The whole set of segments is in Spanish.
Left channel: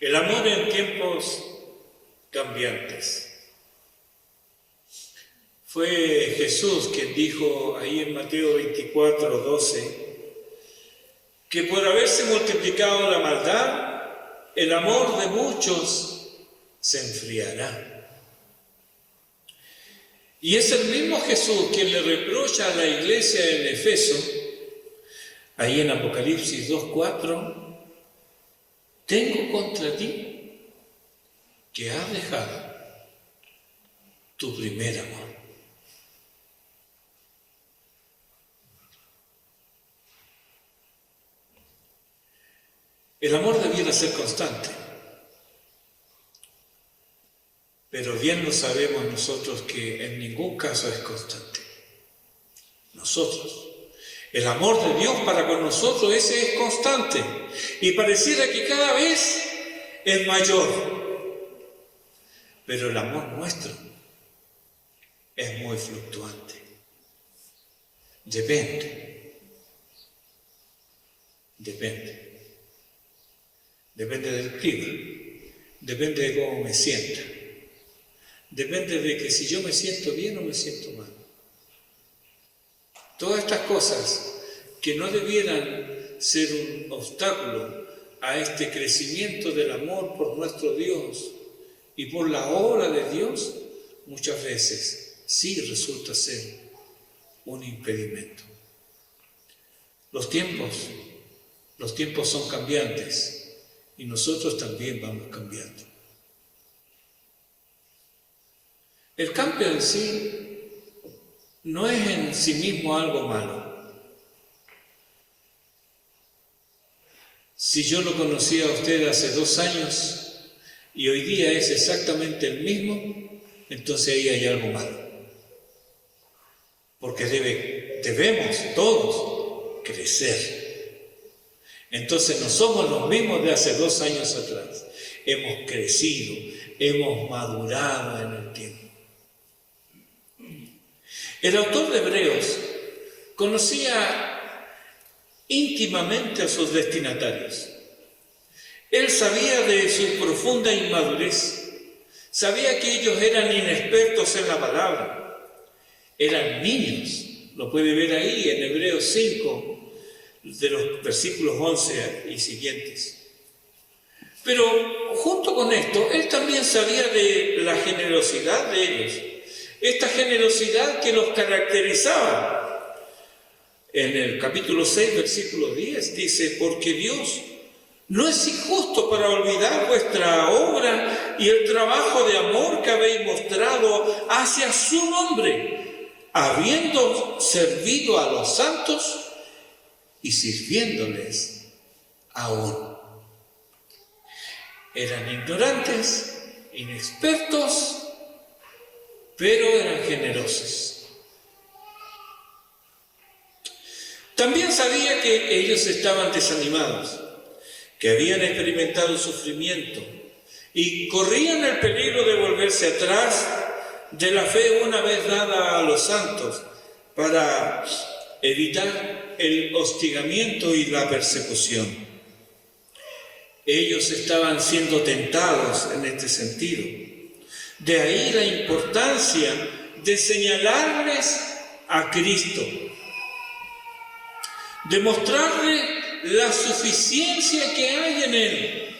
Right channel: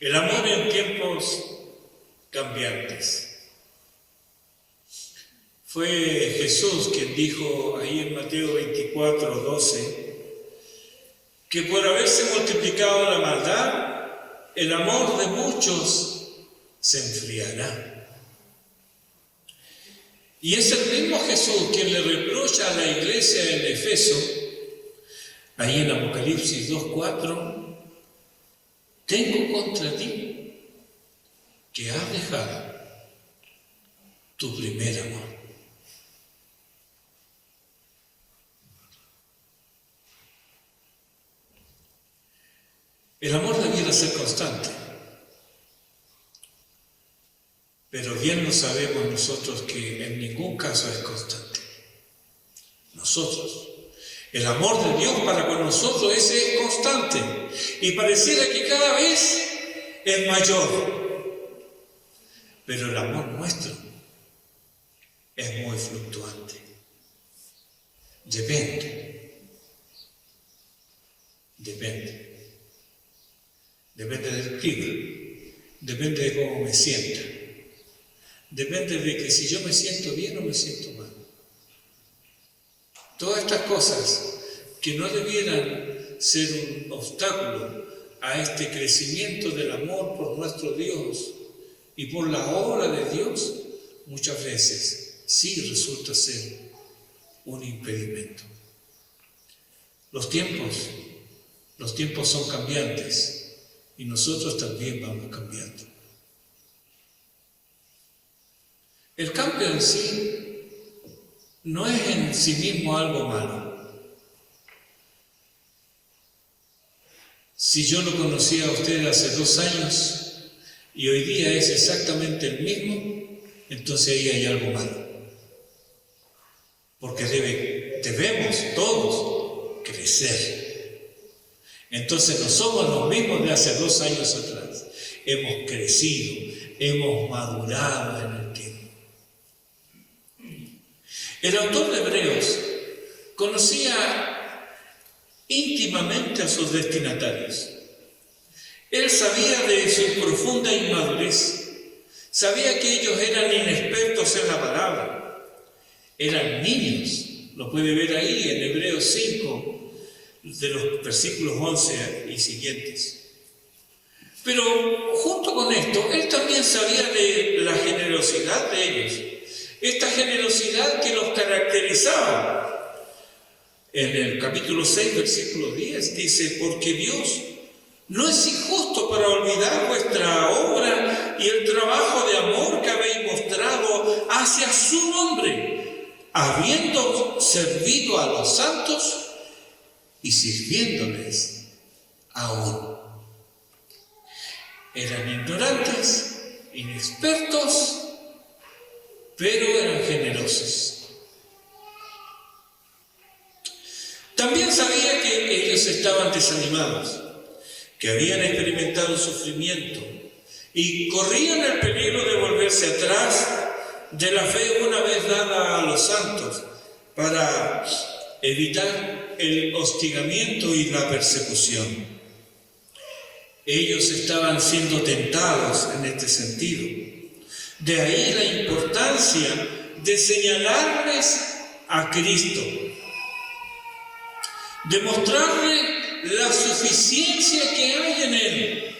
El amor en tiempos cambiantes. Fue Jesús quien dijo ahí en Mateo 24, 12, que por haberse multiplicado la maldad, el amor de muchos se enfriará. Y es el mismo Jesús quien le reprocha a la iglesia en Efeso, ahí en Apocalipsis 2:4, tengo contra ti que has dejado tu primer amor. El amor debiera ser constante, pero bien lo sabemos nosotros que en ningún caso es constante. Nosotros. El amor de Dios para con nosotros ese es constante y pareciera que cada vez es mayor. Pero el amor nuestro es muy fluctuante. Depende del clima, depende de cómo me sienta, depende de que si yo me siento bien o me siento mal. Todas estas cosas que no debieran ser un obstáculo a este crecimiento del amor por nuestro Dios y por la obra de Dios, muchas veces sí resulta ser un impedimento. Los tiempos son cambiantes y nosotros también vamos cambiando. El cambio en sí no es en sí mismo algo malo. Si yo lo conocía a usted hace 2 años y hoy día es exactamente el mismo, entonces ahí hay algo malo. Porque debemos todos crecer. Entonces no somos los mismos de hace 2 años atrás. Hemos crecido, hemos madurado en el tiempo. El autor de Hebreos conocía íntimamente a sus destinatarios. Él sabía de su profunda inmadurez, sabía que ellos eran inexpertos en la palabra, eran niños, lo puede ver ahí en Hebreos 5, de los versículos 11 y siguientes. Pero junto con esto, él también sabía de la generosidad de ellos, esta generosidad que los caracterizaba. En el capítulo 6, versículo 10, dice, porque Dios no es injusto para olvidar vuestra obra y el trabajo de amor que habéis mostrado hacia su nombre, habiendo servido a los santos y sirviéndoles aún. Eran ignorantes, inexpertos, pero eran generosos. También sabía que ellos estaban desanimados, que habían experimentado sufrimiento y corrían el peligro de volverse atrás de la fe una vez dada a los santos para evitar el hostigamiento y la persecución. Ellos estaban siendo tentados en este sentido. De ahí la importancia de señalarles a Cristo, de mostrarles la suficiencia que hay en Él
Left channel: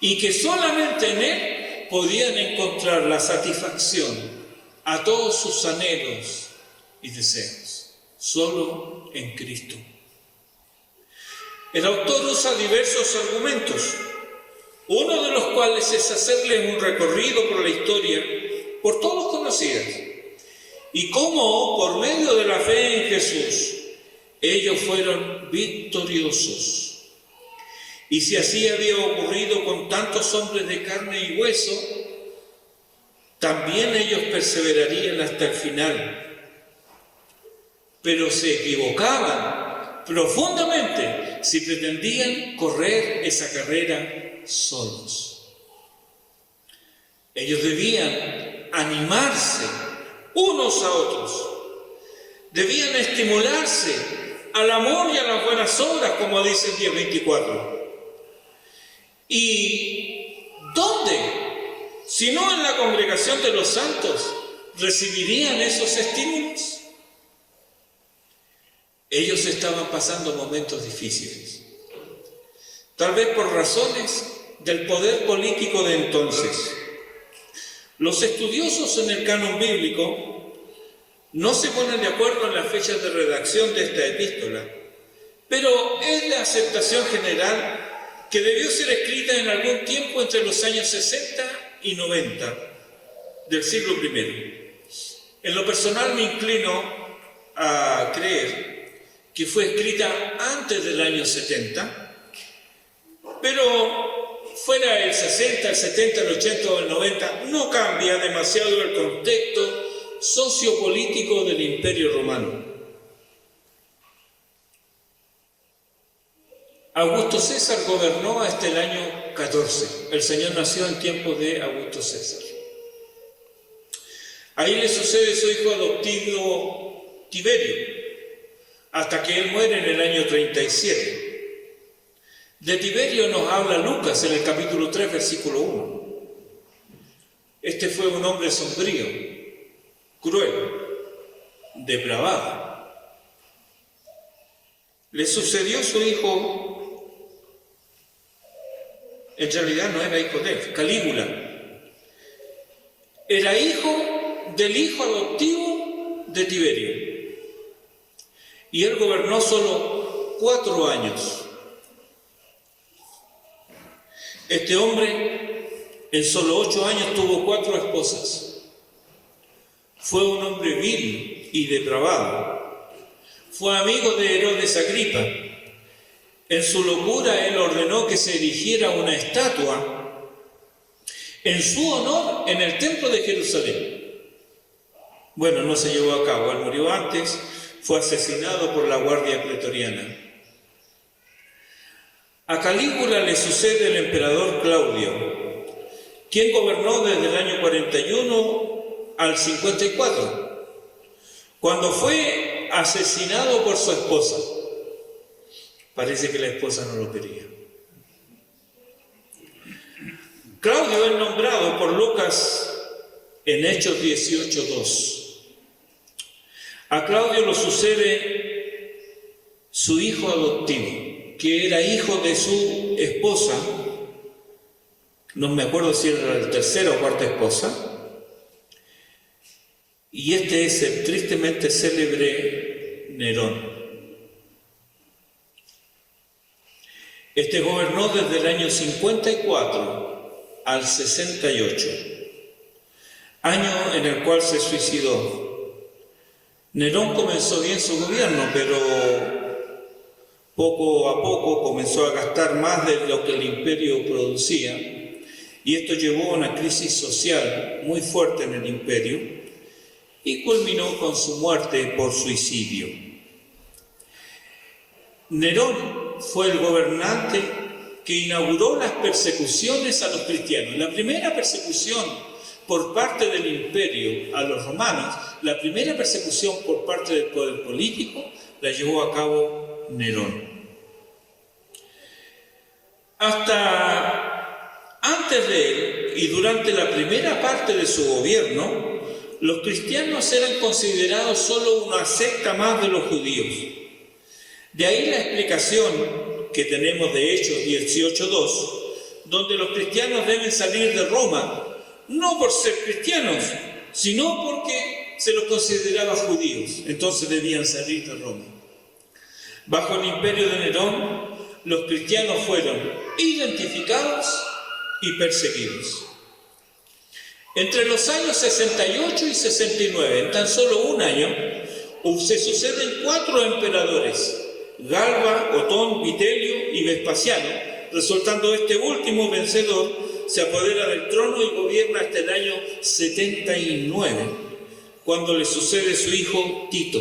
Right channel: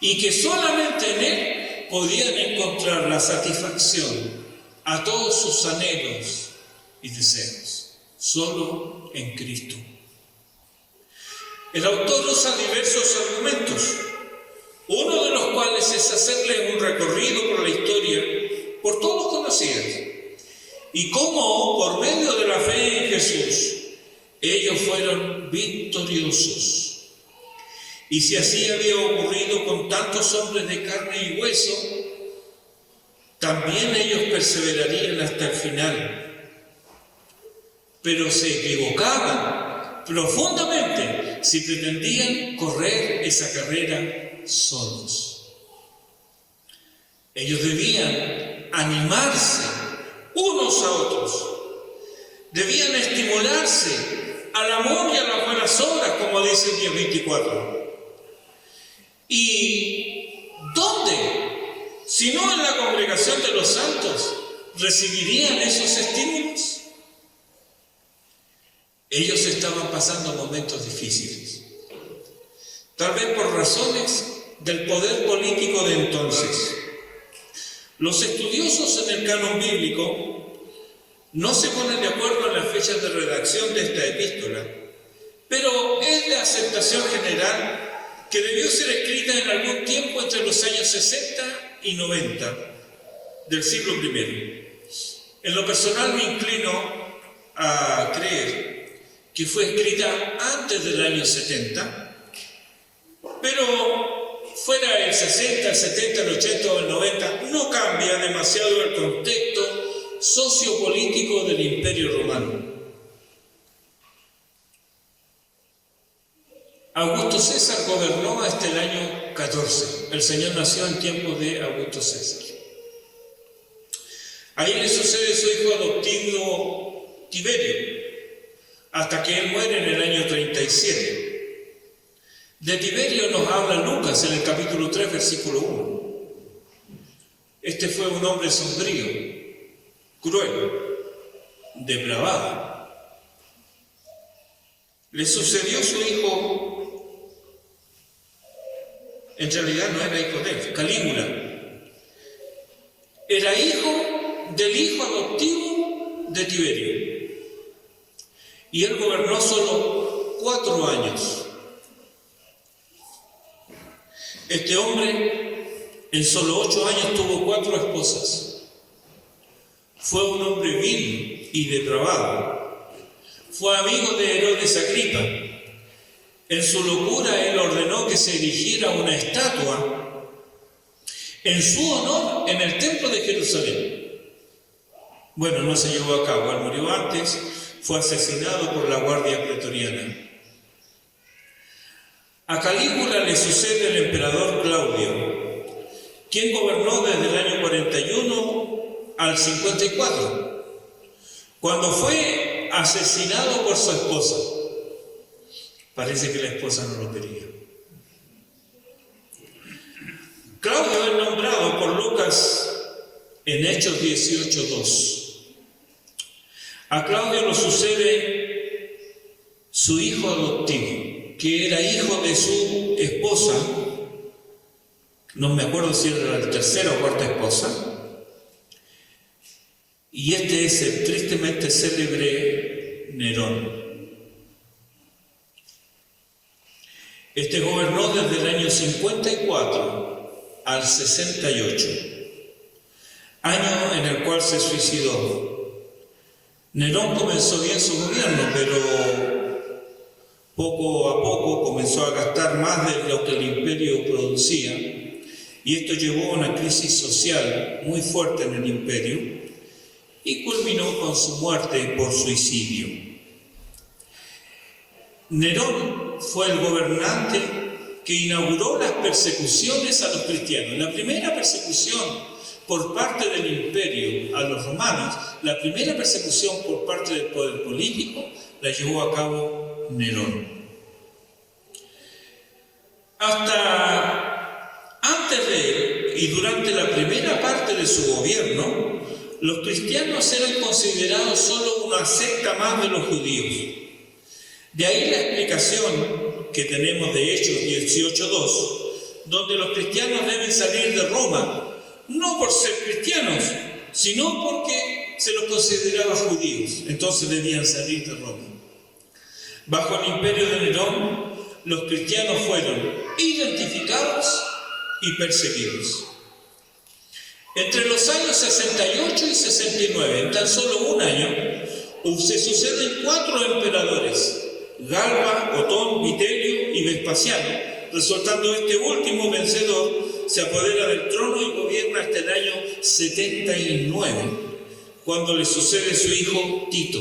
y que solamente en Él podían encontrar la satisfacción a todos sus anhelos y deseos, solo en Cristo. El autor usa diversos argumentos, uno de los cuales es hacerles un recorrido por la historia, por todos conocidos, y cómo por medio de la fe en Jesús ellos fueron victoriosos. Y si así había ocurrido con tantos hombres de carne y hueso, también ellos perseverarían hasta el final. Pero se equivocaban profundamente si pretendían correr esa carrera solos. Ellos debían animarse unos a otros, debían estimularse al amor y a las buenas obras, como dice el 10:24. ¿Y dónde? Si no en la congregación de los santos, ¿recibirían esos estímulos? Ellos estaban pasando momentos difíciles, tal vez por razones del poder político de entonces. Los estudiosos en el canon bíblico no se ponen de acuerdo en las fechas de redacción de esta epístola, pero es la aceptación general que debió ser escrita en algún tiempo entre los años 60 y 90 del siglo I. En lo personal me inclino a creer que fue escrita antes del año 70, pero fuera el 60, el 70, el 80 o el 90, no cambia demasiado el contexto sociopolítico del Imperio Romano. Augusto César gobernó hasta el año 14. El Señor nació en tiempos de Augusto César. Ahí le sucede su hijo adoptivo Tiberio, hasta que él muere en el año 37. De Tiberio nos habla Lucas en el capítulo 3, versículo 1. Este fue un hombre sombrío, cruel, depravado. Le sucedió su hijo. En realidad no era hijo de él, Calígula. Era hijo del hijo adoptivo de Tiberio. Y él gobernó solo 4 años. Este hombre en solo 8 años tuvo 4 esposas. Fue un hombre vil y depravado. Fue amigo de Herodes Agripa. En su locura, él ordenó que se erigiera una estatua en su honor en el templo de Jerusalén. Bueno, no se llevó a cabo, él murió antes, fue asesinado por la guardia pretoriana. A Calígula le sucede el emperador Claudio, quien gobernó desde el año 41 al 54, cuando fue asesinado por su esposa. Parece que la esposa no lo quería. Claudio es nombrado por Lucas en Hechos 18:2. A Claudio lo sucede su hijo adoptivo, que era hijo de su esposa, no me acuerdo si era la tercera o cuarta esposa, y este es el tristemente célebre Nerón. Este gobernó desde el año 54 al 68, año en el cual se suicidó. Nerón comenzó bien su gobierno, pero poco a poco comenzó a gastar más de lo que el imperio producía, y esto llevó a una crisis social muy fuerte en el imperio y culminó con su muerte por suicidio. Nerón fue el gobernante que inauguró las persecuciones a los cristianos. La primera persecución por parte del imperio a los romanos, la primera persecución por parte del poder político, la llevó a cabo Nerón. Hasta antes de él y durante la primera parte de su gobierno, los cristianos eran considerados solo una secta más de los judíos. De ahí la explicación que tenemos de Hechos 18:2, donde los cristianos deben salir de Roma, no por ser cristianos, sino porque se los consideraba judíos, entonces debían salir de Roma. Bajo el imperio de Nerón, los cristianos fueron identificados y perseguidos. Entre los años 68 y 69, en tan solo un año, se suceden 4 emperadores: Galba, Otón, Vitelio y Vespasiano, resultando este último vencedor, se apodera del trono y gobierna hasta el año 79, cuando le sucede su hijo Tito.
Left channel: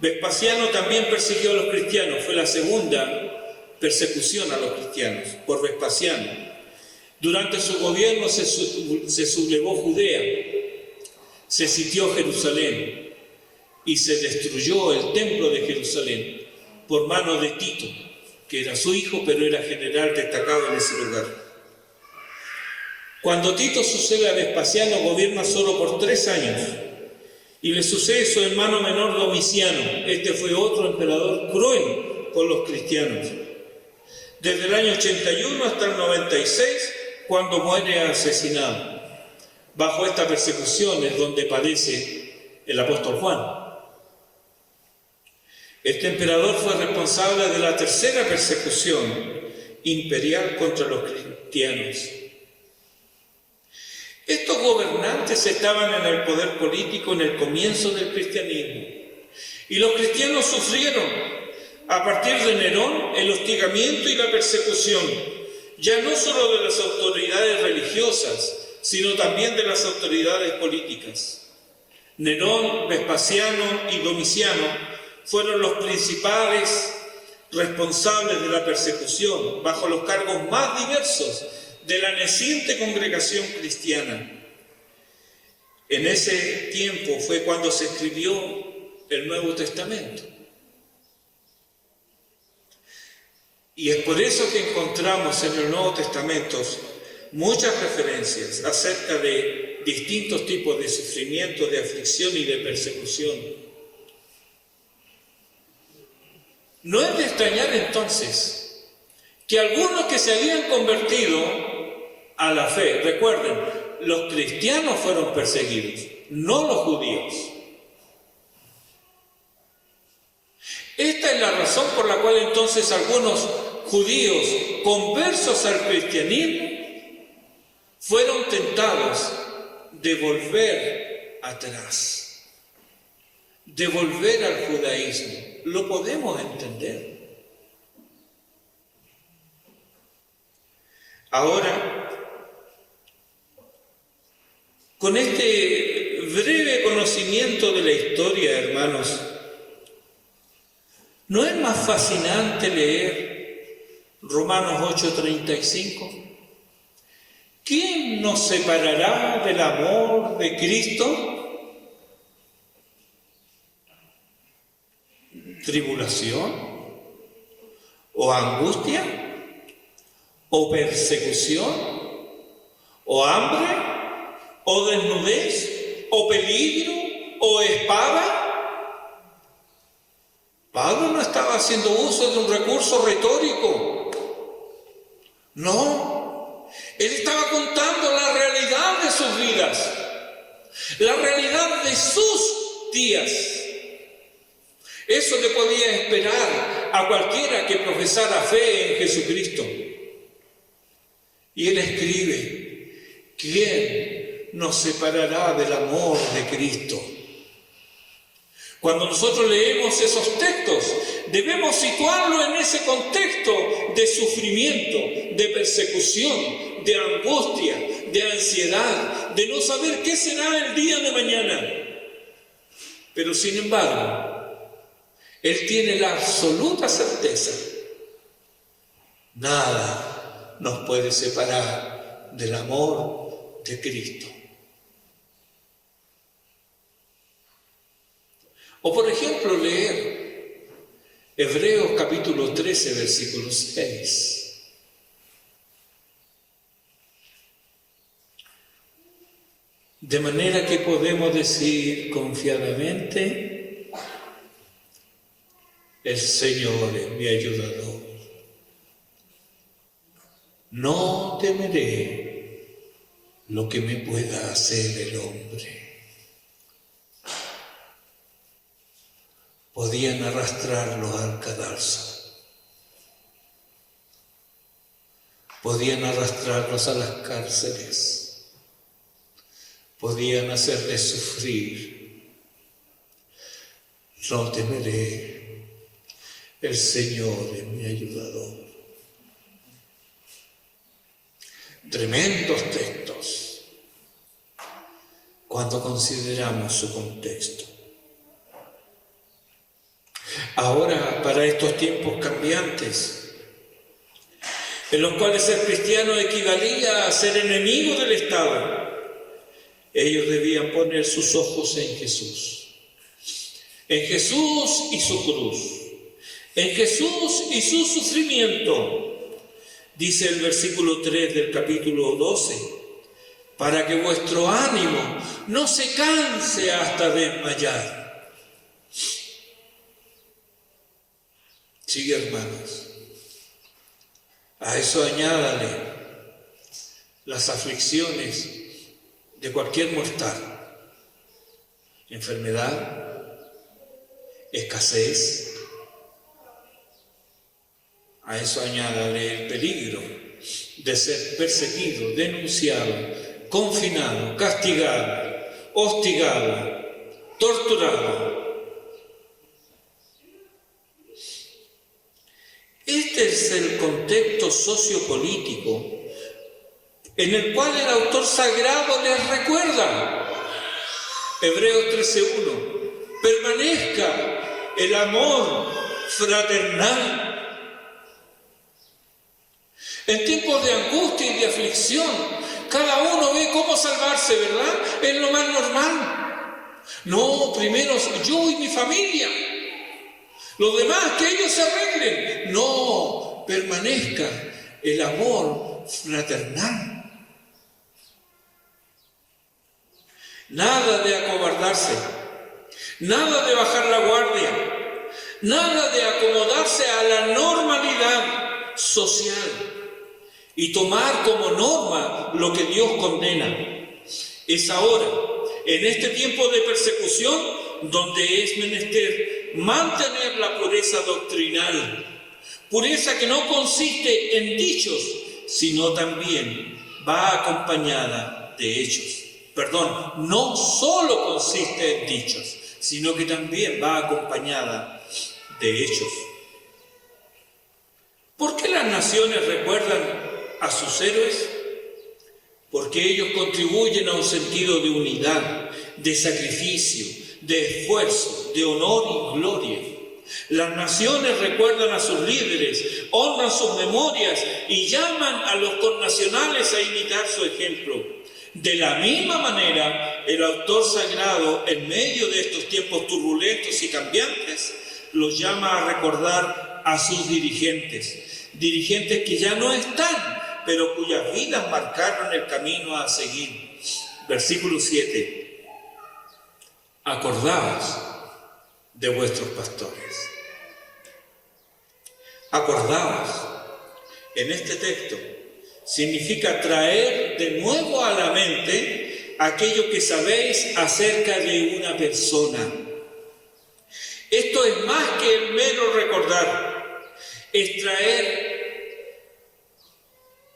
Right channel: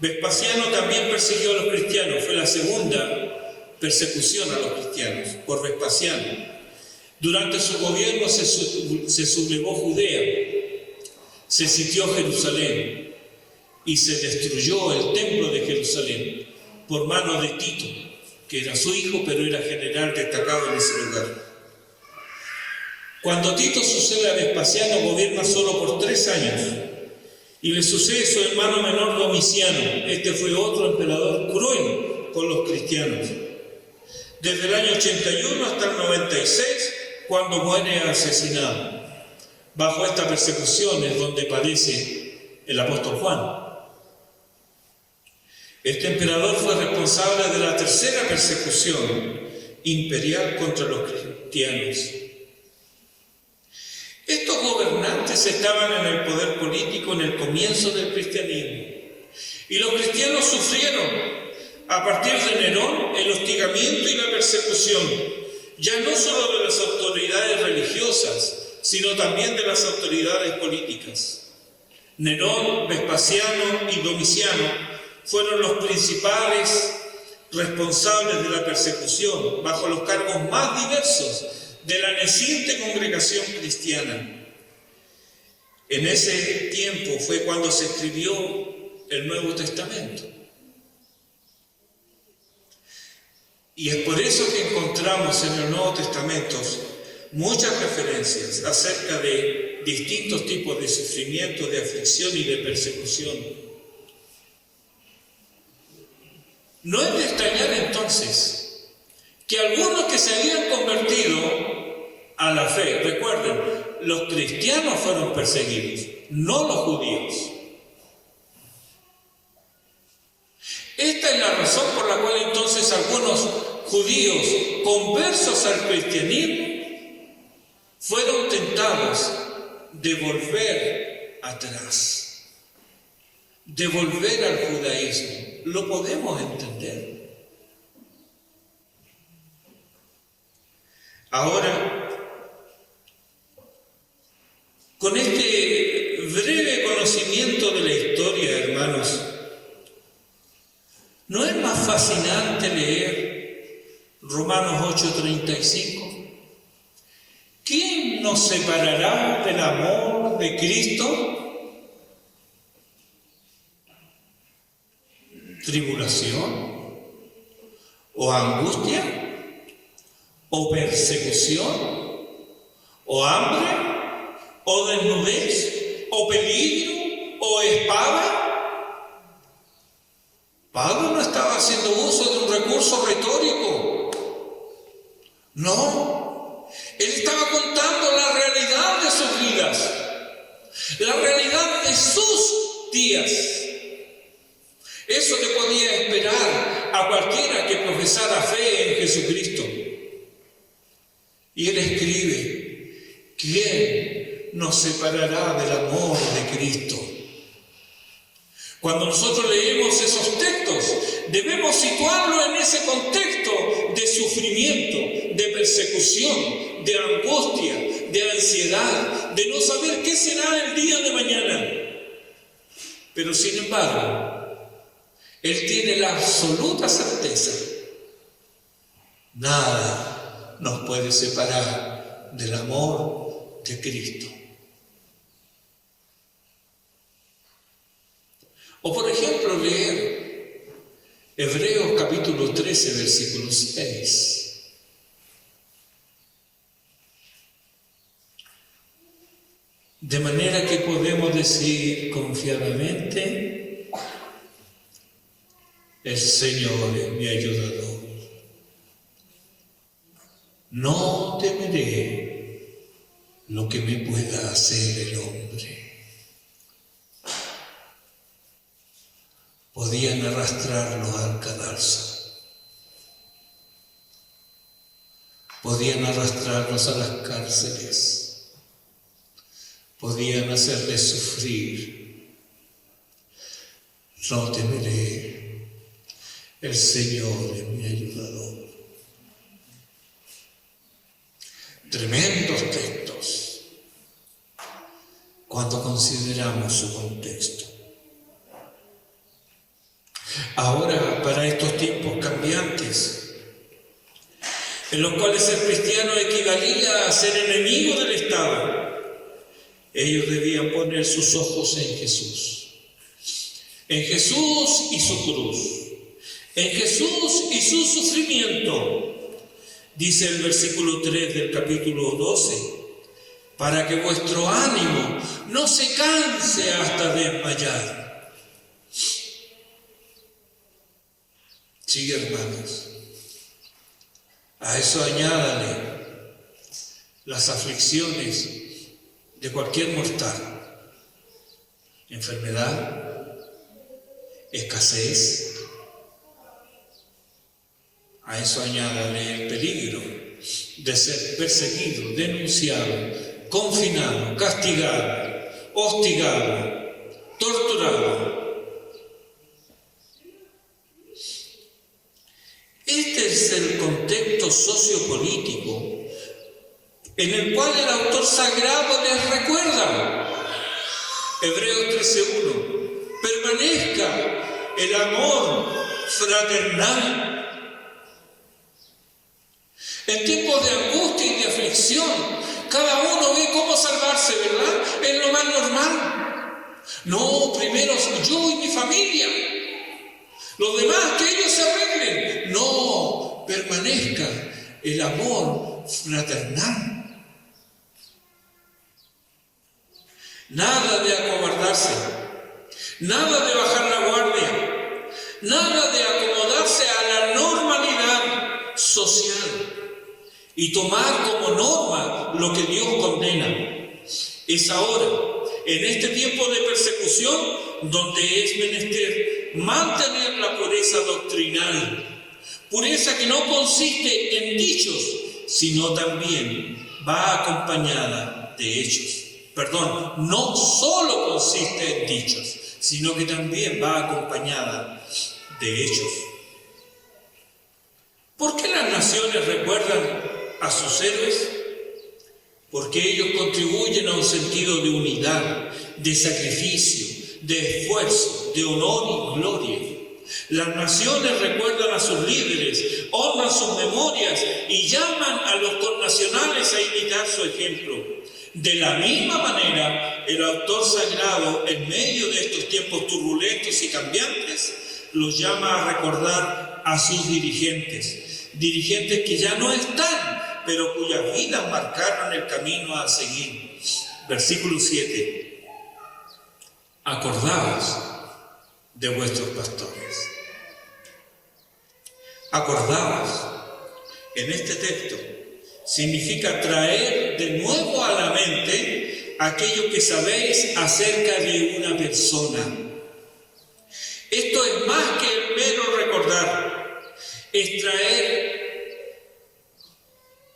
Vespasiano también persiguió a los cristianos, fue la segunda persecución a los cristianos por Vespasiano. Durante su gobierno se sublevó Judea, se sitió Jerusalén y se destruyó el templo de Jerusalén por mano de Tito. que era su hijo, pero era general destacado en ese lugar. Cuando Tito sucede a Vespasiano, gobierna solo por 3 años, y le sucede su hermano menor Domiciano. Este fue otro emperador cruel con los cristianos. Desde el año 81 hasta el 96, cuando muere asesinado. Bajo esta persecución es donde padece el apóstol Juan. Este emperador fue responsable de la tercera persecución imperial contra los cristianos. Estos gobernantes estaban en el poder político en el comienzo del cristianismo, y los cristianos sufrieron, a partir de Nerón, el hostigamiento y la persecución, ya no solo de las autoridades religiosas, sino también de las autoridades políticas. Nerón, Vespasiano y Domiciano fueron los principales responsables de la persecución, bajo los cargos más diversos de la naciente congregación cristiana. En ese tiempo fue cuando se escribió el Nuevo Testamento. Y es por eso que encontramos en el Nuevo Testamento muchas referencias acerca de distintos tipos de sufrimiento, de aflicción y de persecución. No es de extrañar entonces que algunos que se habían convertido a la fe, recuerden, los cristianos fueron perseguidos, no los judíos. Esta es la razón por la cual entonces algunos judíos conversos al cristianismo fueron tentados de volver atrás, de volver al judaísmo. Lo podemos entender. Ahora, con este breve conocimiento de la historia, hermanos, ¿no es más fascinante leer Romanos 8:35? ¿Quién nos separará del amor de Cristo? ¿Tribulación? ¿O angustia? ¿O persecución? ¿O hambre? ¿O desnudez? ¿O peligro? ¿O espada? Pablo no estaba haciendo uso de un recurso retórico. No. Él estaba contando la realidad de sus vidas, la realidad de sus días. Eso le podía esperar a cualquiera que profesara fe en Jesucristo. Y él escribe: ¿quién nos separará del amor de Cristo? Cuando nosotros leemos esos textos, debemos situarlo en ese contexto de sufrimiento, de persecución, de angustia, de ansiedad, de no saber qué será el día de mañana. Pero sin embargo, él tiene la absoluta certeza: nada nos puede separar del amor de Cristo. O por ejemplo, leer Hebreos capítulo 13, versículo 6. De manera que podemos decir confiadamente: el Señor es mi ayudador. No temeré lo que me pueda hacer el hombre. Podían arrastrarlos al cadalso. Podían arrastrarlos a las cárceles. Podían hacerles sufrir. No temeré. El Señor es mi ayudador. Tremendos textos cuando consideramos su contexto. Ahora, para estos tiempos cambiantes, en los cuales el cristiano equivalía a ser enemigo del Estado, ellos debían poner sus ojos en Jesús y su cruz, En Jesús y su sufrimiento, dice el versículo 3 del capítulo 12, para que vuestro ánimo no se canse hasta desmayar. Sí, hermanos, a eso añádale las aflicciones de cualquier mortal, enfermedad, escasez. A eso añádale el peligro de ser perseguido, denunciado, confinado, castigado, hostigado, torturado. Este es el contexto sociopolítico en el cual el autor sagrado les recuerda. Hebreos 13:1. Permanezca el amor fraternal. En tiempos de angustia y de aflicción, cada uno ve cómo salvarse, ¿verdad? Es lo más normal. No, primero yo y mi familia. Los demás, que ellos se arreglen. No, permanezca el amor fraternal. Nada de acobardarse, nada de bajar la guardia, nada de acomodarse a la normalidad social y tomar como norma lo que Dios condena. Es ahora, en este tiempo de persecución, donde es menester mantener la pureza doctrinal, pureza que no consiste en dichos, sino también va acompañada de hechos. Perdón, no solo consiste en dichos, sino que también va acompañada de hechos. ¿Por qué las naciones recuerdan a sus héroes? Porque ellos contribuyen a un sentido de unidad, de sacrificio, de esfuerzo, de honor y gloria. Las naciones recuerdan a sus líderes, honran sus memorias y llaman a los connacionales a imitar su ejemplo. De la misma manera, el autor sagrado, en medio de estos tiempos turbulentos y cambiantes, los llama a recordar a sus dirigentes que ya no están, pero cuyas vidas marcaron el camino a seguir. Versículo 7. Acordaos de vuestros pastores. Acordaos, en este texto, significa traer de nuevo a la mente aquello que sabéis acerca de una persona. Esto es más que el mero recordar, es traer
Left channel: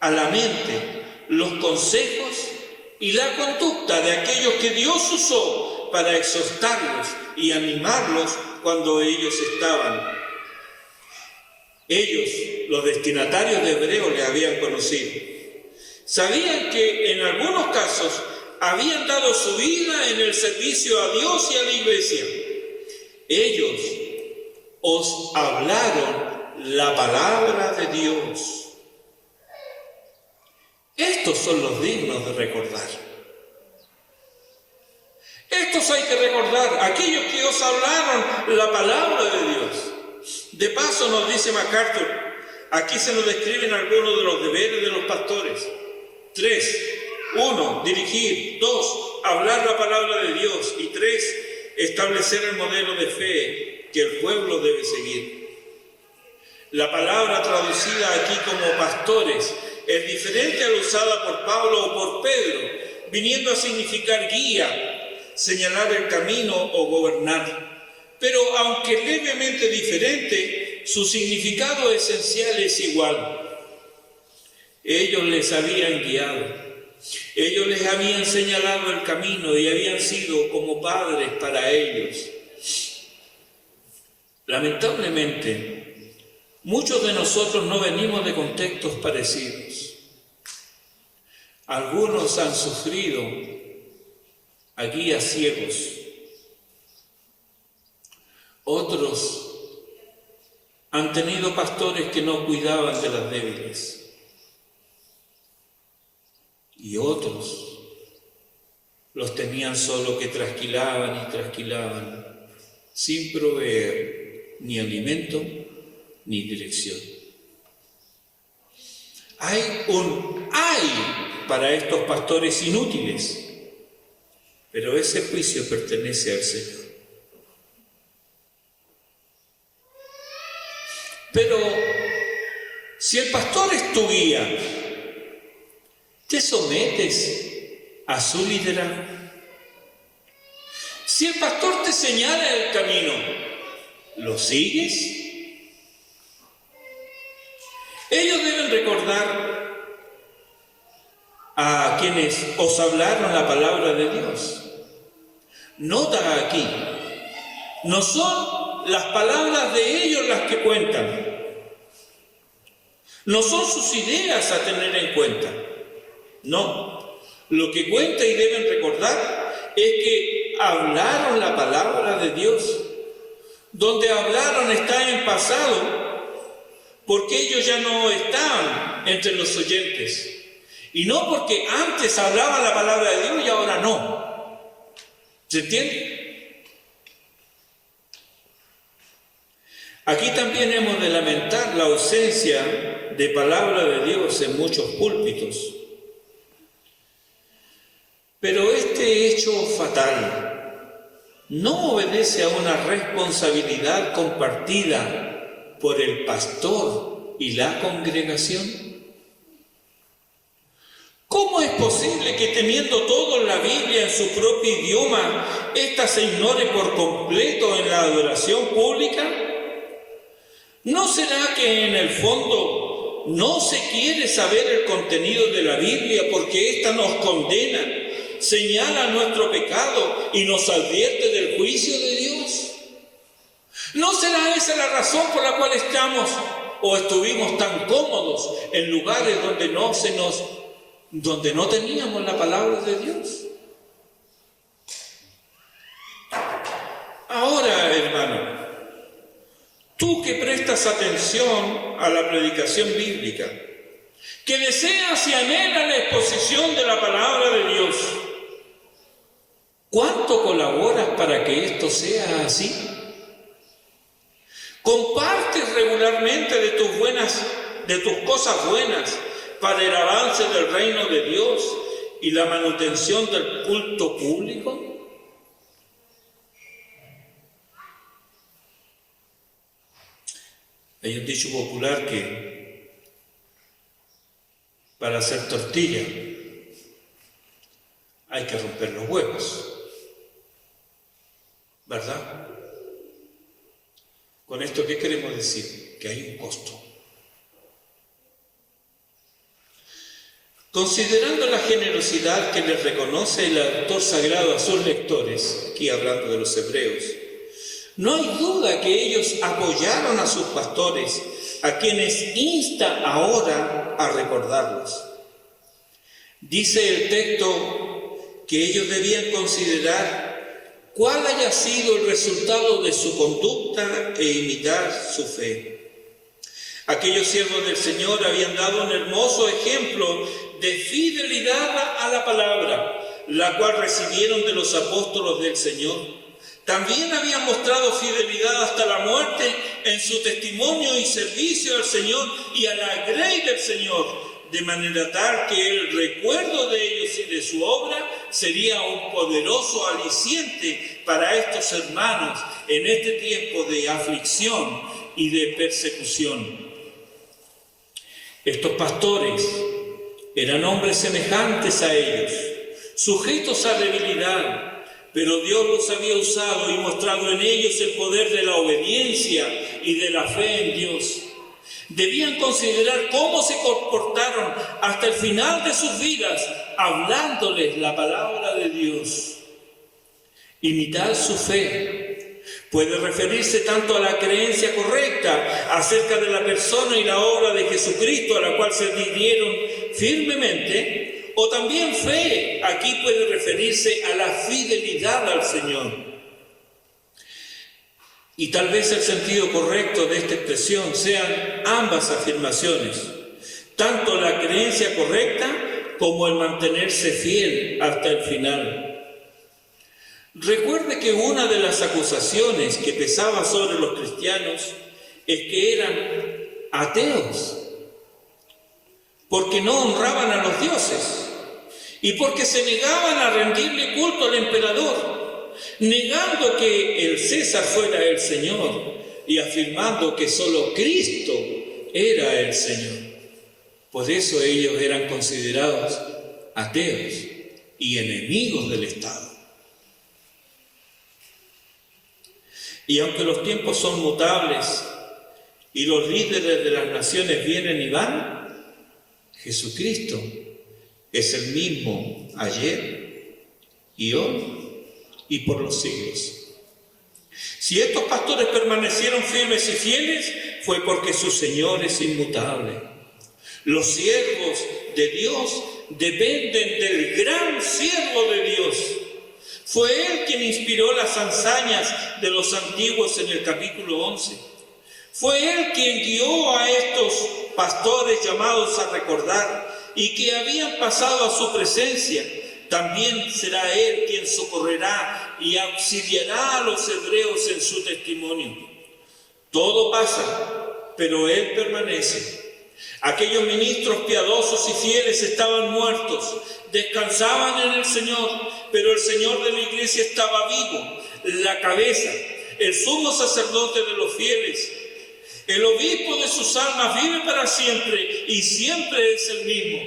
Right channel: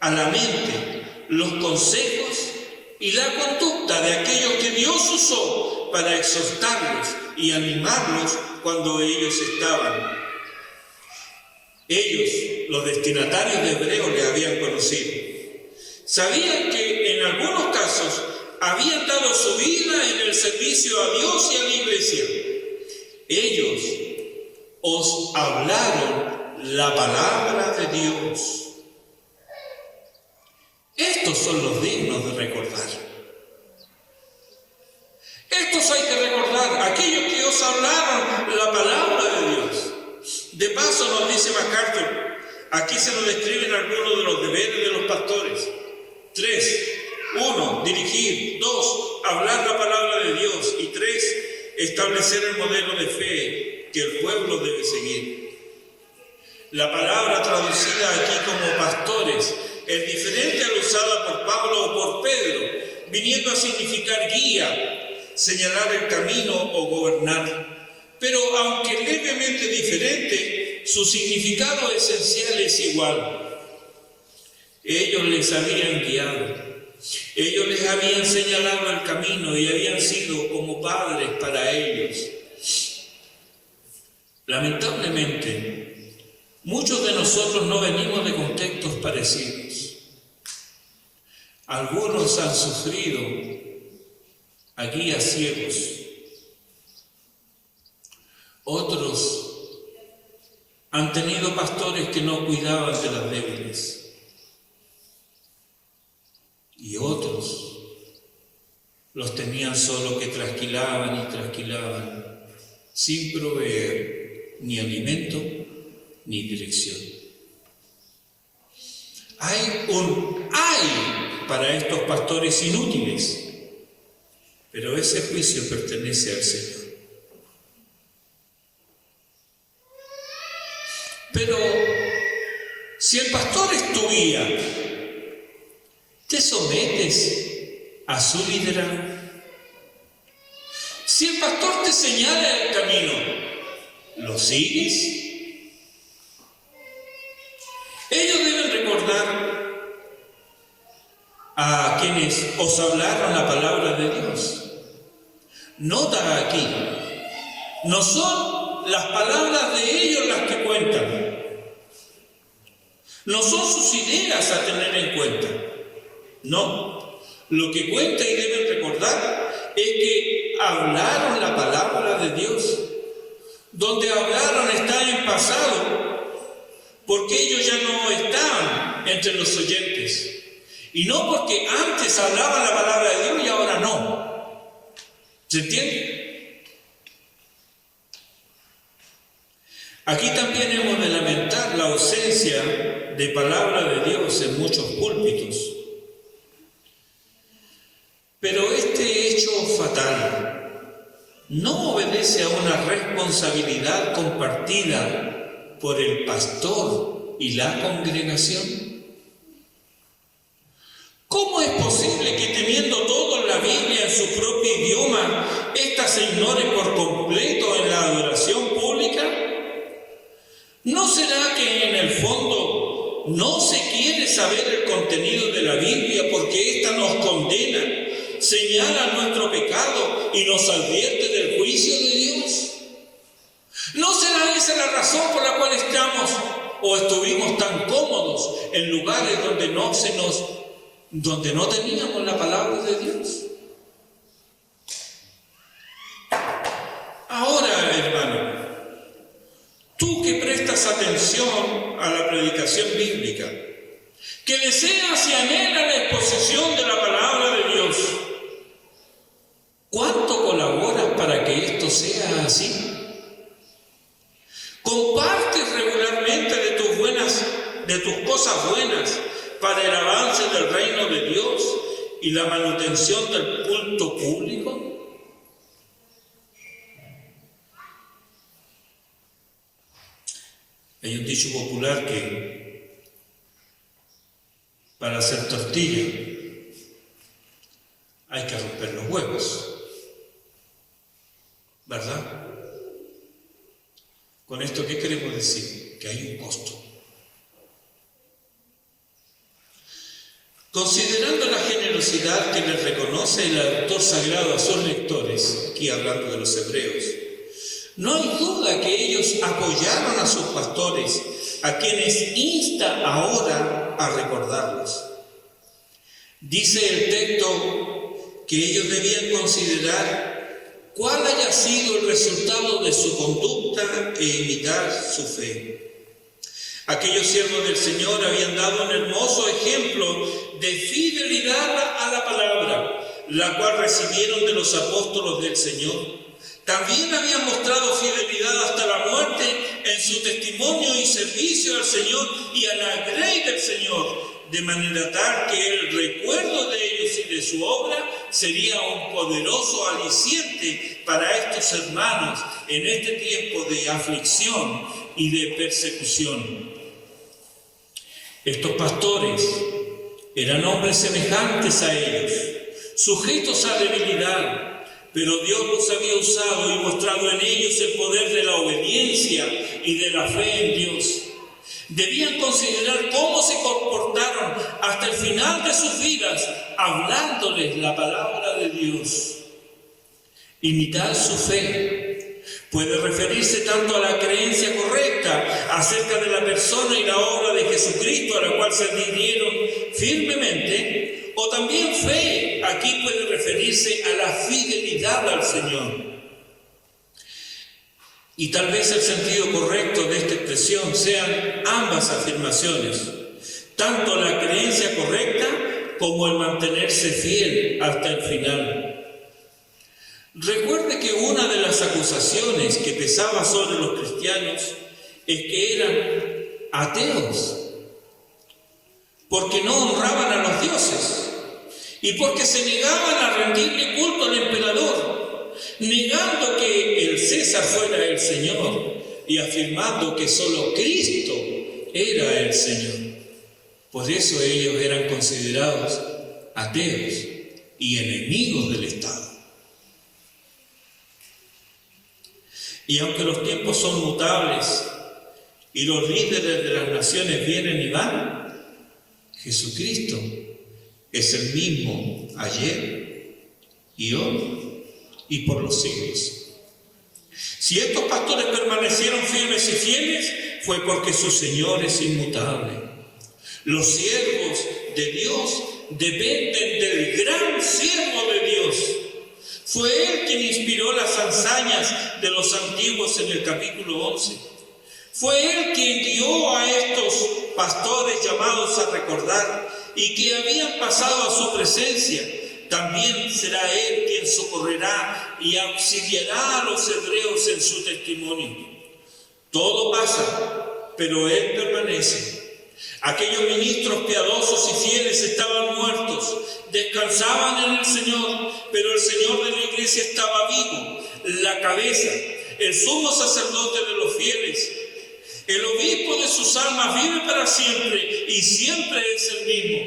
a la mente los consejos y la conducta de aquellos que Dios usó para exhortarlos y animarlos cuando ellos estaban. Ellos, los destinatarios de Hebreos, le habían conocido. Sabían que en algunos casos habían dado su vida en el servicio a Dios y a la iglesia. Ellos os hablaron la palabra de Dios. Estos son los dignos de recordar. Estos hay que recordar, aquellos que os hablaron la palabra de Dios. De paso nos dice MacArthur, aquí se nos describen algunos de los deberes de los pastores. 3. 1. Dirigir. 2. Hablar la palabra de Dios. Y 3. Establecer el modelo de fe que el pueblo debe seguir. La palabra traducida aquí como pastores es diferente a la usada por Pablo o por Pedro, viniendo a significar guía, señalar el camino o gobernar. Pero aunque levemente diferente, su significado esencial es igual. Ellos les habían guiado, ellos les habían señalado el camino y habían sido como padres para ellos. Lamentablemente, muchos de nosotros no venimos de contextos parecidos. Algunos han sufrido a guías ciegos. Otros han tenido pastores que no cuidaban de las débiles. Y otros los tenían solo que trasquilaban y trasquilaban, sin proveer ni alimento ni dirección. Hay para estos pastores inútiles, pero ese juicio pertenece al Señor. Pero si el pastor es tu guía, ¿te sometes a su liderazgo? Si el pastor te señala el camino, ¿lo sigues? Ellos deben recordar a quienes os hablaron la palabra de Dios. Nota aquí, no son las palabras de ellos las que cuentan, no son sus ideas a tener en cuenta, no, lo que cuenta y deben recordar es que hablaron la palabra de Dios. Donde hablaron está en pasado, porque ellos ya no estaban entre los oyentes. Y no porque antes hablaban la palabra de Dios y ahora no. ¿Se entiende? Aquí también hemos de lamentar la ausencia de palabra de Dios en muchos púlpitos. Pero este hecho fatal no obedece a una responsabilidad compartida por el pastor y la congregación. ¿Cómo es posible que teniendo todo la Biblia en su propio idioma, ésta se ignore por completo en la adoración pública? ¿No será que en el fondo no se quiere saber el contenido de la Biblia porque ésta nos condena, señala nuestro pecado y nos advierte del juicio de Dios? ¿No será esa la razón por la cual estamos o estuvimos tan cómodos en lugares donde no teníamos la palabra de Dios? Ahora, hermano, tú que prestas atención a la predicación bíblica, que deseas y anhelas la exposición de la palabra de Dios, ¿cuánto colaboras para que esto sea así? ¿Compartes regularmente de tus cosas buenas para el avance del reino de Dios y la manutención del culto público? Hay un dicho popular que para hacer tortilla hay que romper los huevos, ¿verdad? Con esto, ¿qué queremos decir? Que hay un costo. Considerando la generosidad que les reconoce el autor sagrado a sus lectores, aquí hablando de los hebreos, no hay duda que ellos apoyaron a sus pastores, a quienes insta ahora a recordarlos. Dice el texto que ellos debían considerar cuál haya sido el resultado de su conducta e imitar su fe. Aquellos siervos del Señor habían dado un hermoso ejemplo de fidelidad a la palabra, la cual recibieron de los apóstolos del Señor. También habían mostrado fidelidad hasta la muerte en su testimonio y servicio al Señor y a la grey del Señor, de manera tal que el recuerdo de ellos y de su obra sería un poderoso aliciente para estos hermanos en este tiempo de aflicción y de persecución. Estos pastores eran hombres semejantes a ellos, sujetos a debilidad, pero Dios los había usado y mostrado en ellos el poder de la obediencia y de la fe en Dios. Debían considerar cómo se comportaron hasta el final de sus vidas, hablándoles la palabra de Dios. Imitar su fe puede referirse tanto a la creencia correcta acerca de la persona y la obra de Jesucristo, a la cual se rindieron firmemente, o también fe, aquí puede referirse a la fidelidad al Señor. Y tal vez el sentido correcto de esta expresión sean ambas afirmaciones, tanto la creencia correcta como el mantenerse fiel hasta el final. Recuerde que una de las acusaciones que pesaba sobre los cristianos es que eran ateos, porque no honraban a los dioses y porque se negaban a rendirle culto al emperador, negando que el César fuera el Señor y afirmando que solo Cristo era el Señor. Por eso ellos eran considerados ateos y enemigos del Estado. Y aunque los tiempos son mutables y los líderes de las naciones vienen y van, Jesucristo es el mismo ayer y hoy y por los siglos. Si estos pastores permanecieron firmes y fieles, fue porque su Señor es inmutable. Los siervos de Dios dependen del gran siervo de Dios. Fue Él quien inspiró las hazañas de los antiguos en el capítulo 11. Fue Él quien guió a estos pastores llamados a recordar y que habían pasado a su presencia. También será Él quien socorrerá y auxiliará a los hebreos en su testimonio. Todo pasa, pero Él permanece. Aquellos ministros piadosos y fieles estaban muertos, descansaban en el Señor, pero el Señor de la iglesia estaba vivo, la cabeza, el sumo sacerdote de los fieles. El obispo de sus almas vive para siempre y siempre es el mismo.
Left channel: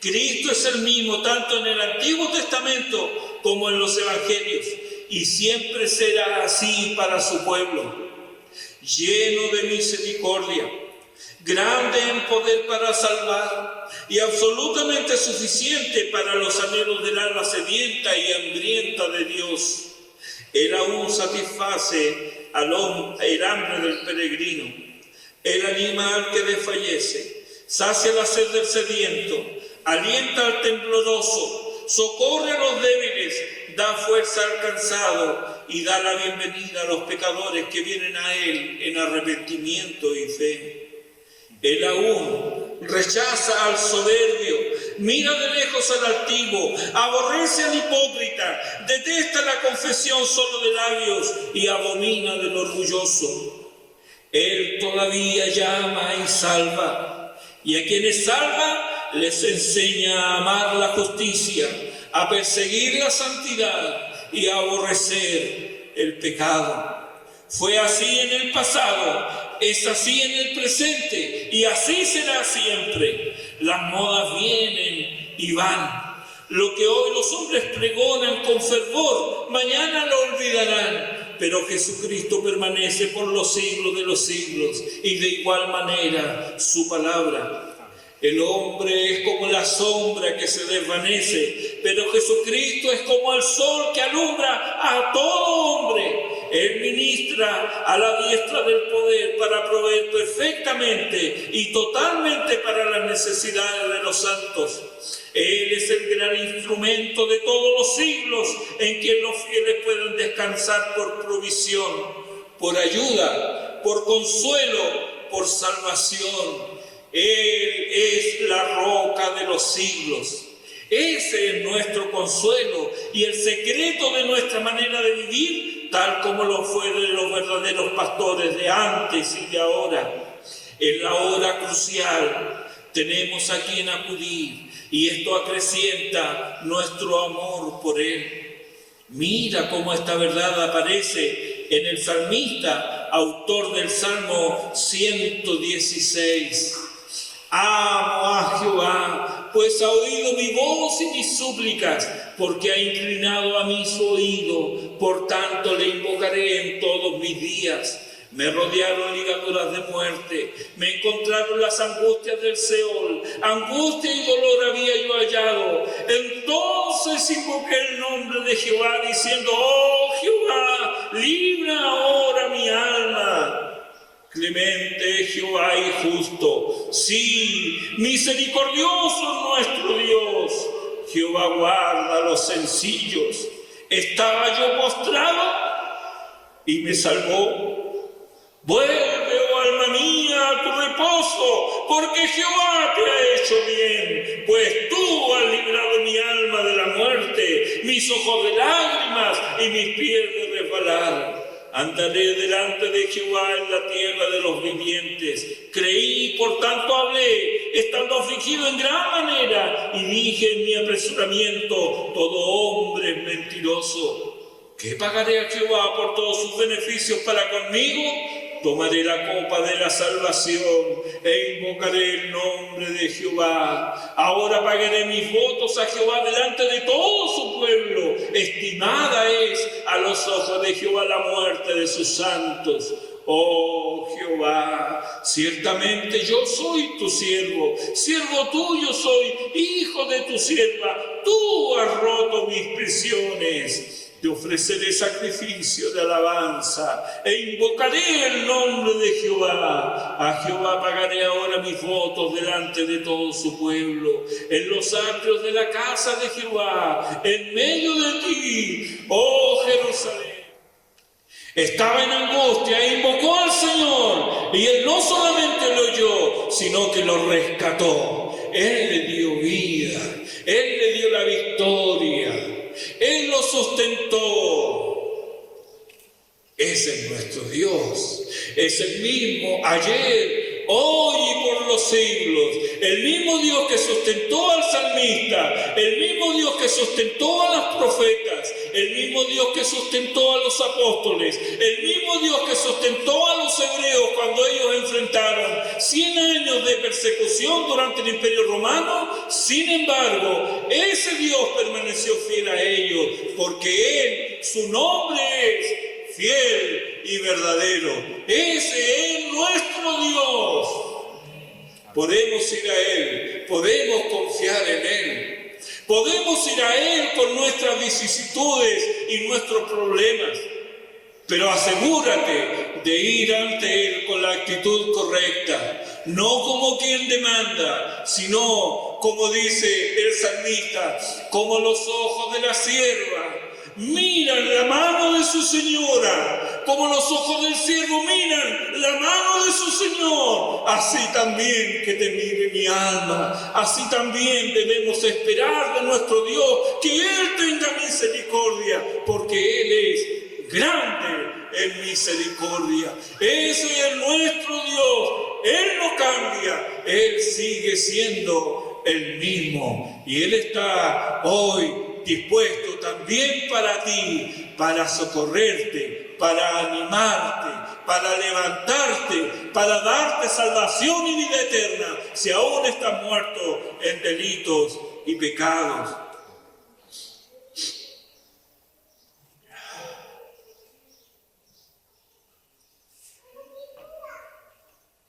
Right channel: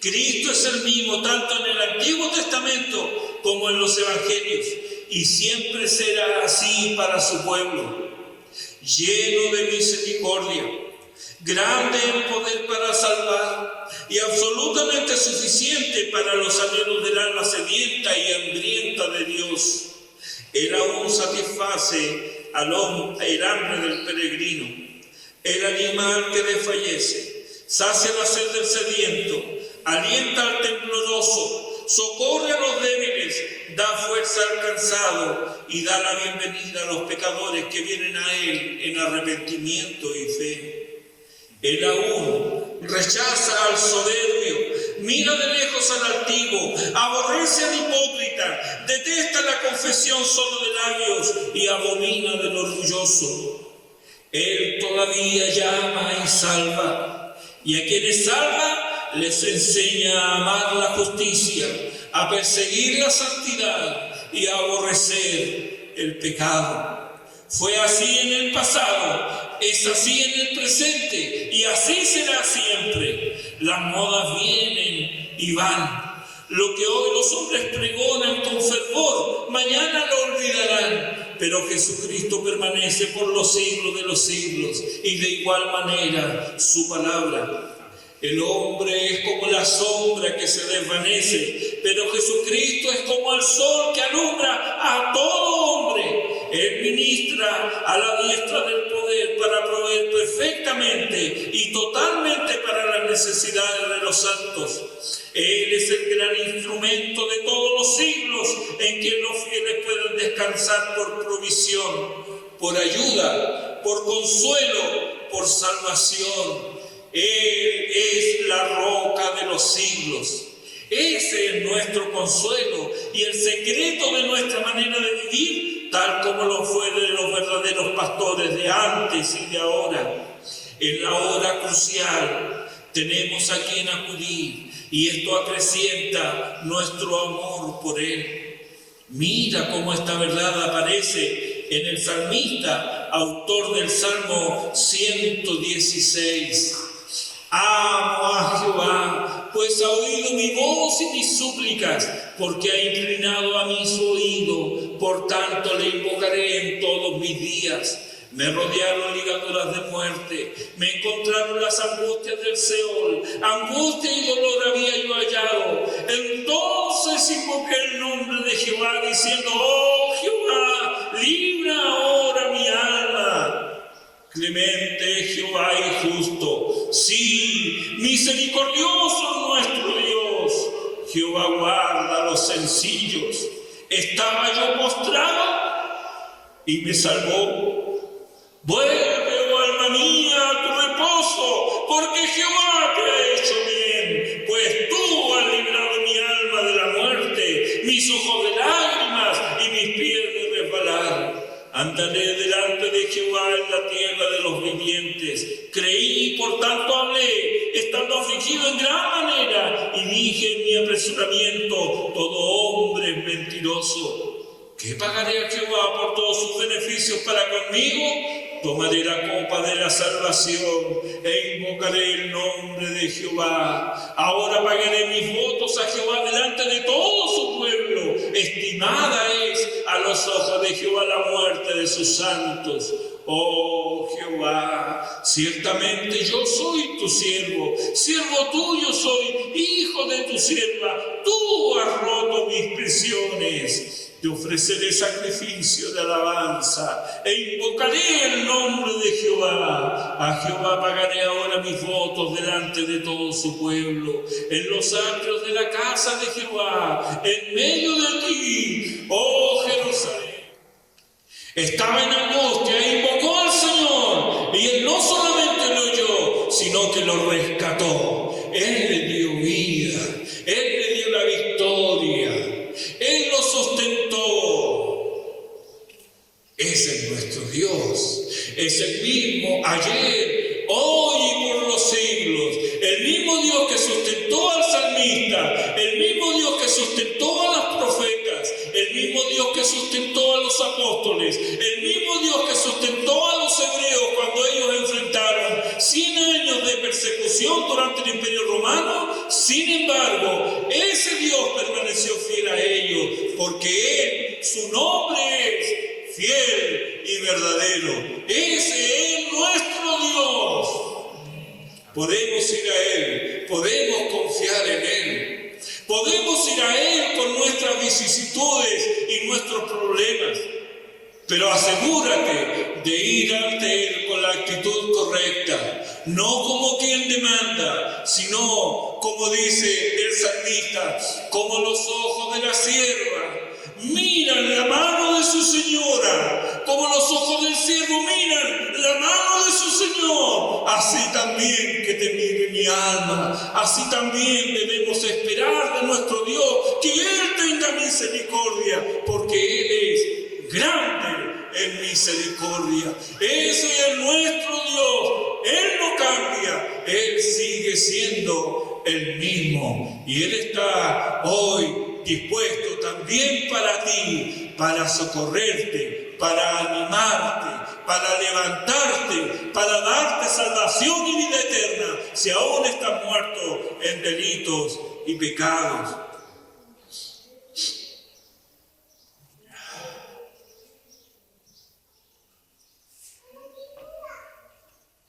Cristo es el mismo tanto en el Antiguo Testamento como en los Evangelios y siempre será así para su pueblo. Lleno de misericordia, grande en poder para salvar y absolutamente suficiente para los anhelos del alma sedienta y hambrienta de Dios. Él aún satisface el hambre del peregrino. Él anima al que desfallece, sacia la sed del sediento, alienta al tembloroso, socorre a los débiles, da fuerza al cansado y da la bienvenida a los pecadores que vienen a Él en arrepentimiento y fe. Él aún rechaza al soberbio, mira de lejos al altivo, aborrece al hipócrita, detesta la confesión solo de labios y abomina del orgulloso. Él todavía llama y salva, y a quienes salva les enseña a amar la justicia, a perseguir la santidad y a aborrecer el pecado. Fue así en el pasado, es así en el presente y así será siempre. Las modas vienen y van. Lo que hoy los hombres pregonan con fervor, mañana lo olvidarán. Pero Jesucristo permanece por los siglos de los siglos y de igual manera su palabra. El hombre es como la sombra que se desvanece, pero Jesucristo es como el sol que alumbra a todo hombre. Él ministra a la diestra del poder para proveer perfectamente y totalmente para las necesidades de los santos. Él es el gran instrumento de todos los siglos en quien los fieles pueden descansar por provisión, por ayuda, por consuelo, por salvación. Él es la roca de los siglos. Ese es nuestro consuelo y el secreto de nuestra manera de vivir, tal como lo fue de los verdaderos pastores de antes y de ahora. En la hora crucial tenemos a quien acudir y esto acrecienta nuestro amor por Él. Mira cómo esta verdad aparece en el salmista, autor del Salmo 116. Amo a Jehová, pues ha oído mi voz y mis súplicas, porque ha inclinado a mí su oído, por tanto le invocaré en todos mis días. Me rodearon ligaduras de muerte, me encontraron las angustias del Seol, angustia y dolor había yo hallado. Entonces invoqué el nombre de Jehová, diciendo: oh Jehová, libra ahora mi alma. Clemente Jehová y justo, sí, misericordioso nuestro Dios. Jehová guarda a los sencillos. Estaba yo postrado y me salvó. Vuelve, oh alma mía, a tu reposo, porque Jehová te ha hecho bien, pues tú has librado mi alma de la muerte, mis ojos de lágrimas y mis pies de resbalar. Andaré delante de Jehová en la tierra de los vivientes. Creí, por tanto hablé, estando afligido en gran manera, y dije en mi apresuramiento, todo hombre es mentiroso. ¿Qué pagaré a Jehová por todos sus beneficios para conmigo? Tomaré la copa de la salvación e invocaré el nombre de Jehová. Ahora pagaré mis votos a Jehová delante de todo su pueblo. Estimada es a los ojos de Jehová la muerte de sus santos. Oh Jehová, ciertamente yo soy tu siervo tuyo soy, hijo de tu sierva. Tú has roto mis prisiones. Te ofreceré sacrificio de alabanza e invocaré el nombre de Jehová. A Jehová pagaré ahora mis votos delante de todo su pueblo, en los atrios de la casa de Jehová, en medio de ti, oh Jerusalén. Estaba en angustia e invocó al Señor, y Él no solamente lo oyó, sino que lo rescató. Él le dio vida, Él le dio la victoria. Él lo sustentó. Ese es nuestro Dios. Es el mismo ayer, hoy y por los siglos. El mismo Dios que sustentó al salmista. El mismo Dios que sustentó a las profetas. El mismo Dios que sustentó a los apóstoles. El mismo Dios que sustentó a los hebreos cuando ellos enfrentaron 100 años de persecución durante el Imperio Romano. Sin embargo, ese Dios permaneció fiel a ellos, porque Él, su nombre es fiel y verdadero. Ese es nuestro Dios. Podemos ir a Él, podemos confiar en Él. Podemos ir a Él con nuestras vicisitudes y nuestros problemas, pero asegúrate de ir ante Él con la actitud correcta, no como quien demanda, sino como dice el salmista, como los ojos de la sierva miran la mano de su señora, como los ojos del siervo miran la mano de su señor, así también que te mire mi alma, así también debemos esperar de nuestro Dios que Él tenga misericordia, porque Él es grande en misericordia. Ese es nuestro Dios. Él no cambia, Él sigue siendo el mismo, y Él está hoy dispuesto también para ti, para socorrerte, para animarte, para levantarte, para darte salvación y vida eterna, si aún estás muerto en delitos y pecados.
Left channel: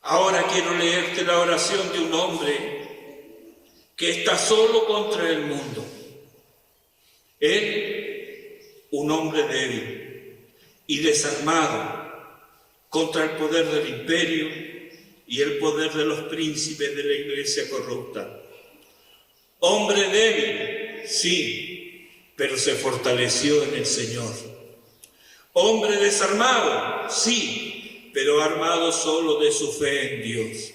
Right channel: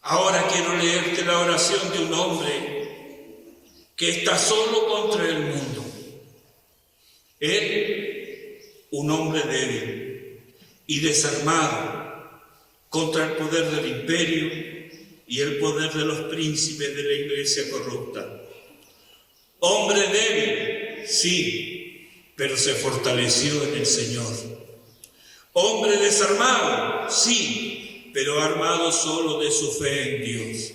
Ahora quiero leerte la oración de un hombre que está solo contra el mundo. Él, un hombre débil y desarmado contra el poder del imperio y el poder de los príncipes de la iglesia corrupta. Hombre débil, sí, pero se fortaleció en el Señor. Hombre desarmado, sí, pero armado solo de su fe en Dios.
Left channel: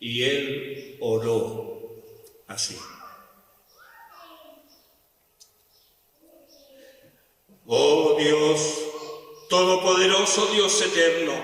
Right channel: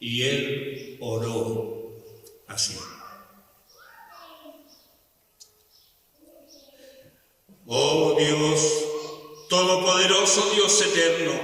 Y él oró así. Oh Dios, todopoderoso Dios eterno,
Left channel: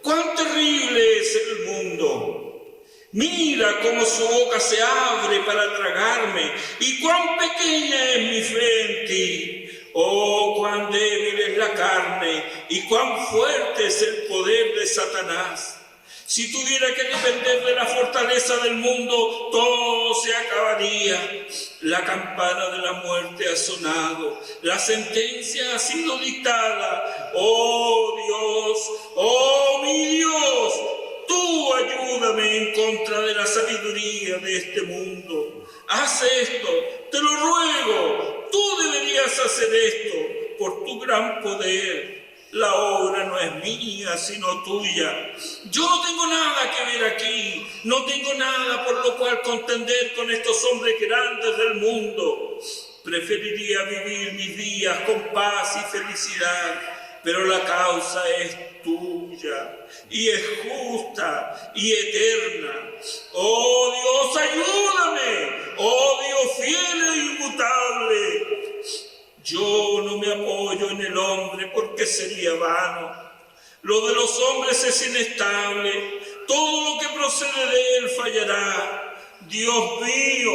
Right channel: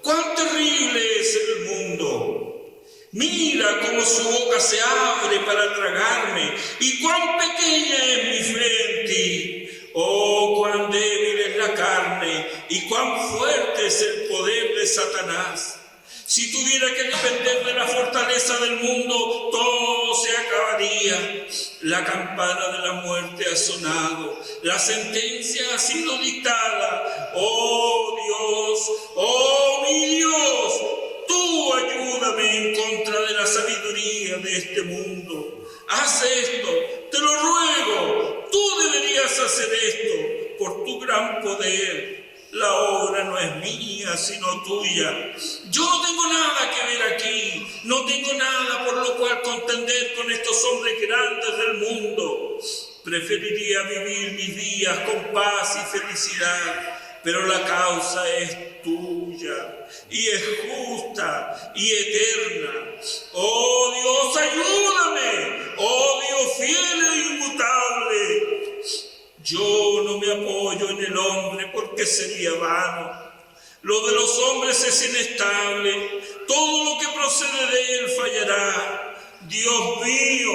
cuán terrible es el mundo. Mira cómo su boca se abre para tragarme, y cuán pequeña es mi fe en ti. Oh, cuán débil es la carne, y cuán fuerte es el poder de Satanás. Si tuviera que depender de la fortaleza del mundo, todo se acabaría. La campana de la muerte ha sonado, la sentencia ha sido dictada. Oh Dios, oh mi Dios, tú ayúdame en contra de la sabiduría de este mundo. Haz esto, te lo ruego, tú deberías hacer esto por tu gran poder. La obra no es mía, sino tuya. Yo no tengo nada que ver aquí, no tengo nada por lo cual contender con estos hombres grandes del mundo. Preferiría vivir mis días con paz y felicidad, pero la causa es tuya, y es justa y eterna. Oh Dios, ayúdame, oh Dios fiel e inmutable. Yo no me apoyo en el hombre porque sería vano. Lo de los hombres es inestable. Todo lo que procede de él fallará. Dios mío,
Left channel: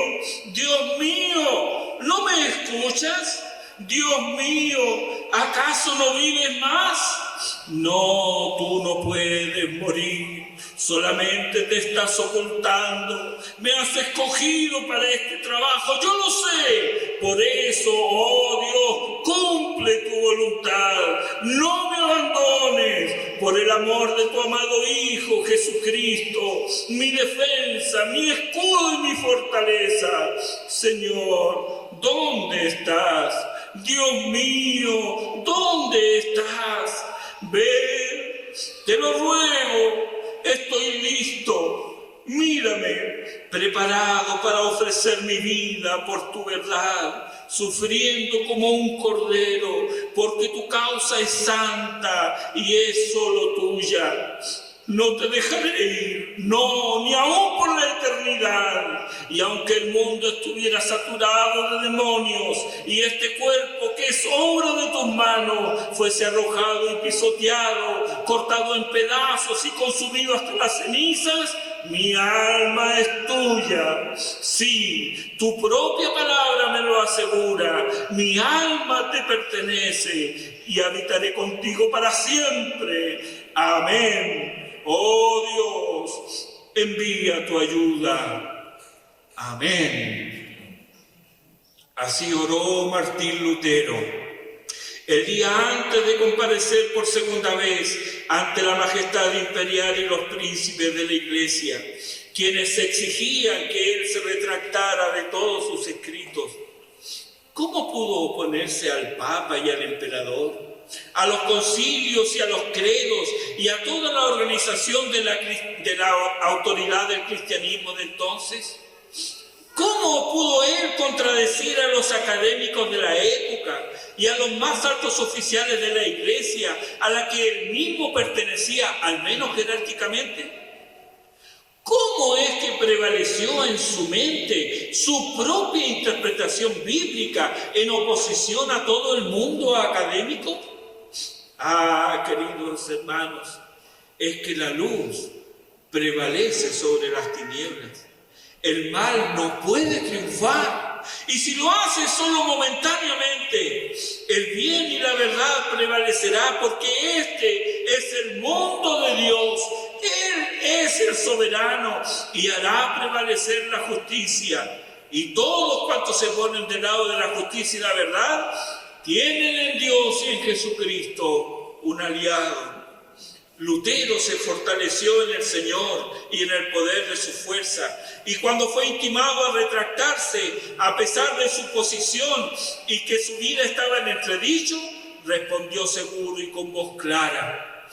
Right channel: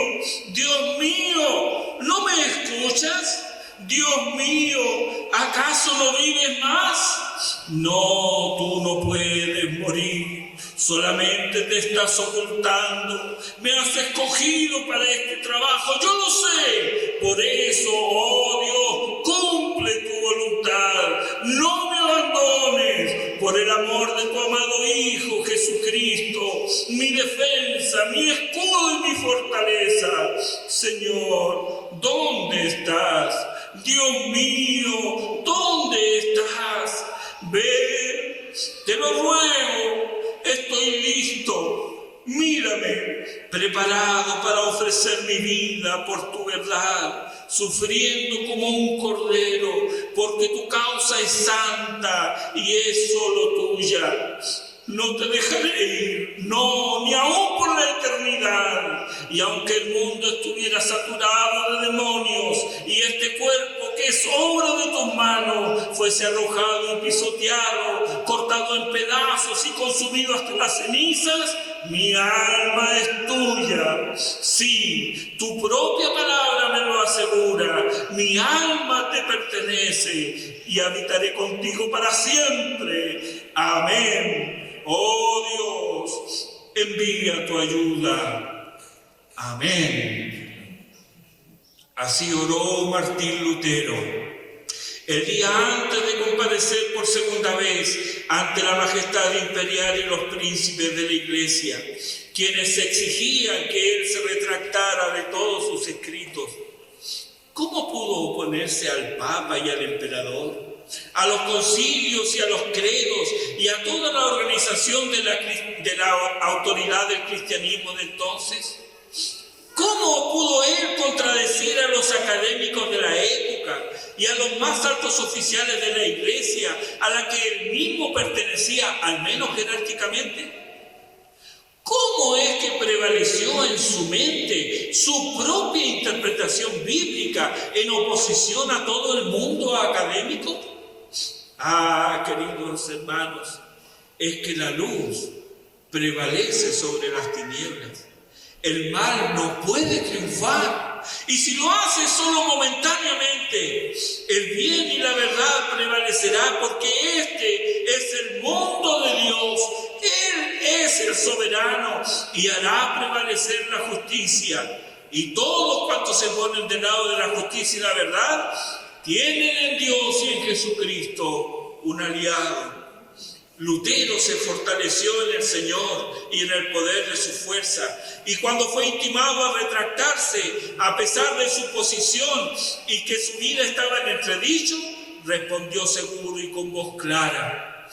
¿no me escuchas? Dios mío, ¿acaso no vives más? No, tú no puedes morir. Solamente te estás ocultando. Me has escogido para este trabajo, yo lo sé. Por eso, oh Dios, cumple tu voluntad. No me abandones. Por el amor de tu amado Hijo Jesucristo, mi defensa, mi escudo y mi fortaleza. Señor, ¿dónde estás? Dios mío, ¿dónde estás? Ven, te lo ruego, estoy listo. Mírame, preparado para ofrecer mi vida por tu verdad, sufriendo como un cordero, porque tu causa es santa y es solo tuya. No te dejaré ir, no, ni aún por la eternidad. Y aunque el mundo estuviera saturado de demonios y este cuerpo que es obra de tus manos fuese arrojado y pisoteado, cortado en pedazos y consumido hasta las cenizas, mi alma es tuya. Sí, tu propia palabra me lo asegura. Mi alma te pertenece y habitaré contigo para siempre. Amén. Oh Dios, envía tu ayuda. Amén. Así oró Martín Lutero. El día antes de comparecer por segunda vez ante la majestad imperial y los príncipes de la Iglesia, quienes exigían que él se retractara de todos sus escritos, ¿cómo pudo oponerse al Papa y al Emperador, a los concilios y a los credos y a toda la organización de la autoridad del cristianismo de entonces? ¿Cómo pudo él contradecir a los académicos de la época y a los más altos oficiales de la Iglesia, a la que él mismo pertenecía, al menos jerárquicamente? ¿Cómo es que prevaleció en su mente su propia interpretación bíblica en oposición a todo el mundo académico? Ah, queridos hermanos, es que la luz prevalece sobre las tinieblas. El mal no puede triunfar, y si lo hace solo momentáneamente, el bien y la verdad prevalecerá, porque este es el mundo de Dios. Él es el soberano y hará prevalecer la justicia. Y todos cuantos se ponen del lado de la justicia y la verdad, tienen en Dios y en Jesucristo un aliado. Lutero se fortaleció en el Señor y en el poder de su fuerza. Y cuando fue intimado a retractarse, a pesar de su posición y que su vida estaba en entredicho, respondió seguro y con voz clara:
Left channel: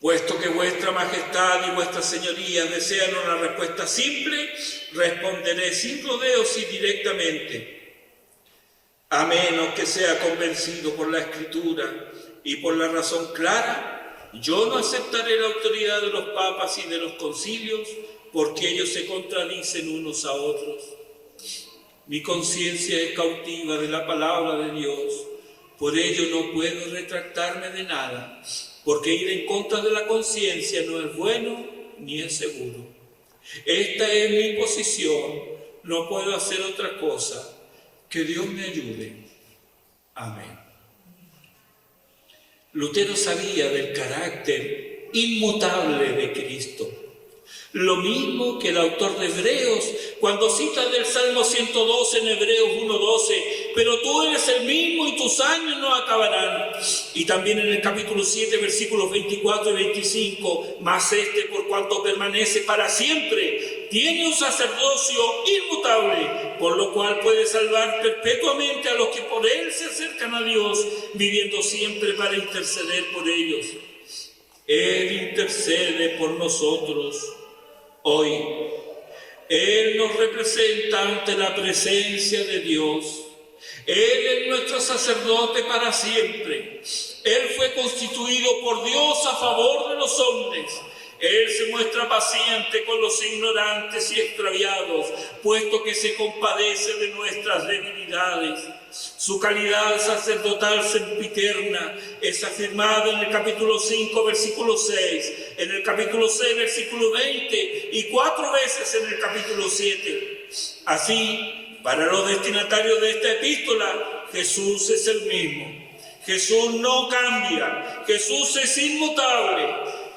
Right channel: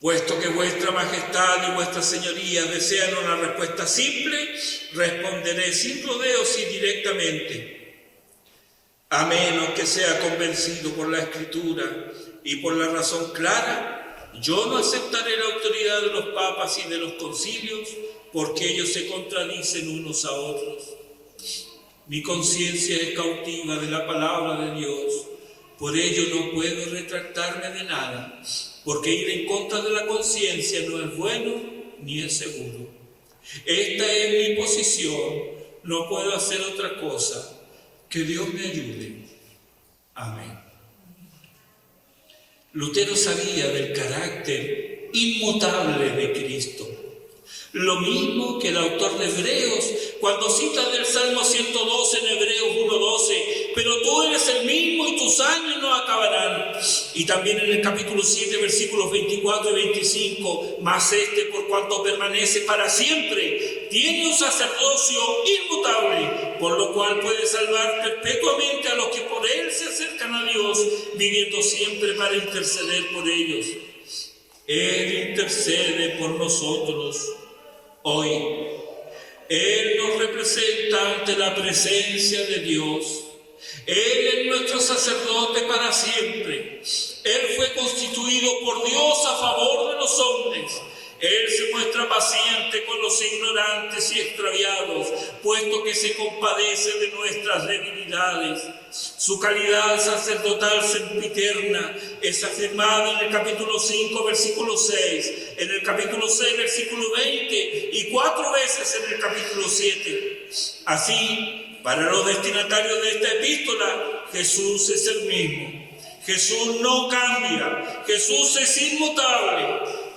puesto que vuestra majestad y vuestras señorías desean una respuesta simple, responderé sin rodeos y directamente. A menos que sea convencido por la Escritura y por la razón clara, yo no aceptaré la autoridad de los papas y de los concilios, porque ellos se contradicen unos a otros. Mi conciencia es cautiva de la palabra de Dios, por ello no puedo retractarme de nada, porque ir en contra de la conciencia no es bueno ni es seguro. Esta es mi posición, no puedo hacer otra cosa. Que Dios me ayude. Amén. Lutero sabía del carácter inmutable de Cristo. Lo mismo que el autor de Hebreos, cuando cita del Salmo 112 en Hebreos 1:12, pero tú eres el mismo y tus años no acabarán. Y también en el capítulo 7, versículos 24 y 25, mas este, por cuanto permanece para siempre, tiene un sacerdocio inmutable, por lo cual puede salvar perpetuamente a los que por él se acercan a Dios, viviendo siempre para interceder por ellos. Él intercede por nosotros hoy. Él nos representa ante la presencia de Dios. Él es nuestro sacerdote para siempre. Él fue constituido por Dios a favor de los hombres. Él se muestra paciente con los ignorantes y extraviados, puesto que se compadece de nuestras debilidades. Su calidad sacerdotal sempiterna es afirmada en el capítulo 5, versículo 6, en el capítulo 6, versículo 20 y 4 veces en el capítulo 7. Así, para los destinatarios de esta epístola, Jesús es el mismo. Jesús no cambia. Jesús es inmutable.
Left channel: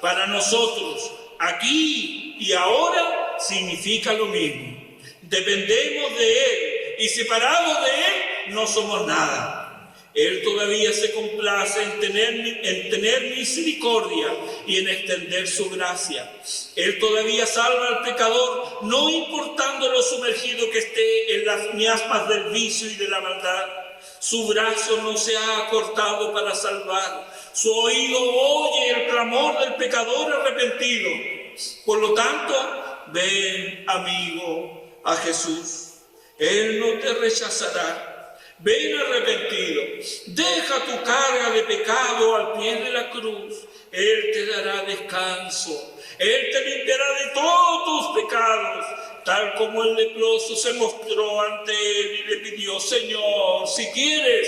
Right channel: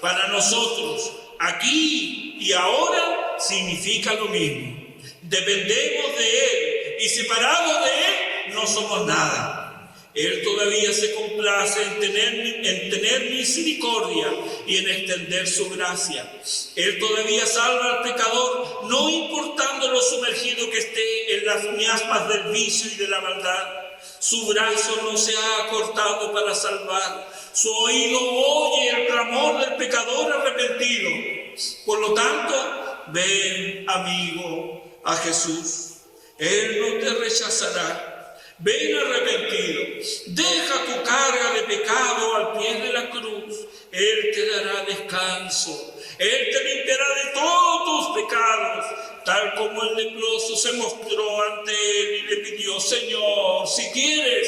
Para nosotros, aquí y ahora, significa lo mismo. Dependemos de Él y separados de Él no somos nada. Él todavía se complace en tener misericordia y en extender su gracia. Él todavía salva al pecador, no importando lo sumergido que esté en las miasmas del vicio y de la maldad. Su brazo no se ha acortado para salvar. Su oído oye el clamor del pecador arrepentido. Por lo tanto, ven, amigo, a Jesús. Él no te rechazará. Ven arrepentido, deja tu carga de pecado al pie de la cruz. Él te dará descanso. Él te limpiará de todos tus pecados, tal como el leproso se mostró ante Él y le pidió: Señor, si quieres,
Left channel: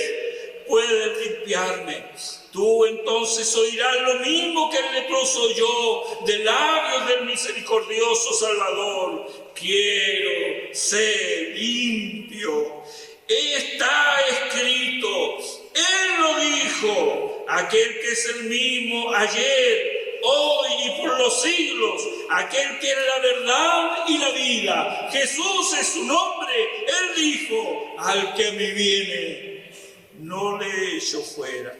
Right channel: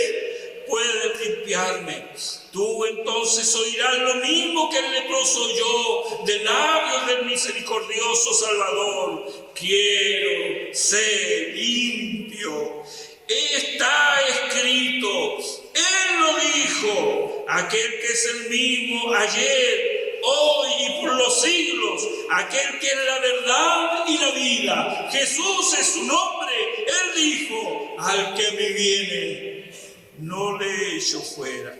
puedes limpiarme. Tú entonces oirás lo mismo que el leproso oyó de labios del misericordioso Salvador: quiero ser limpio. Está escrito, Él lo dijo, aquel que es el mismo ayer, hoy y por los siglos, aquel que es la verdad y la vida. Jesús es su nombre. Él dijo: al que me viene, no le echo fuera.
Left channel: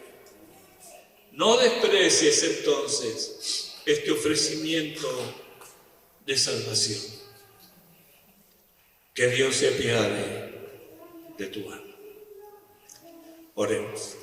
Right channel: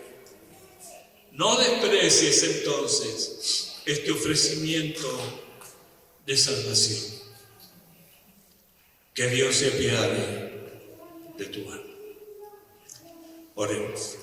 No desprecies entonces este ofrecimiento de salvación. Que Dios se apiade de tu alma. Oremos.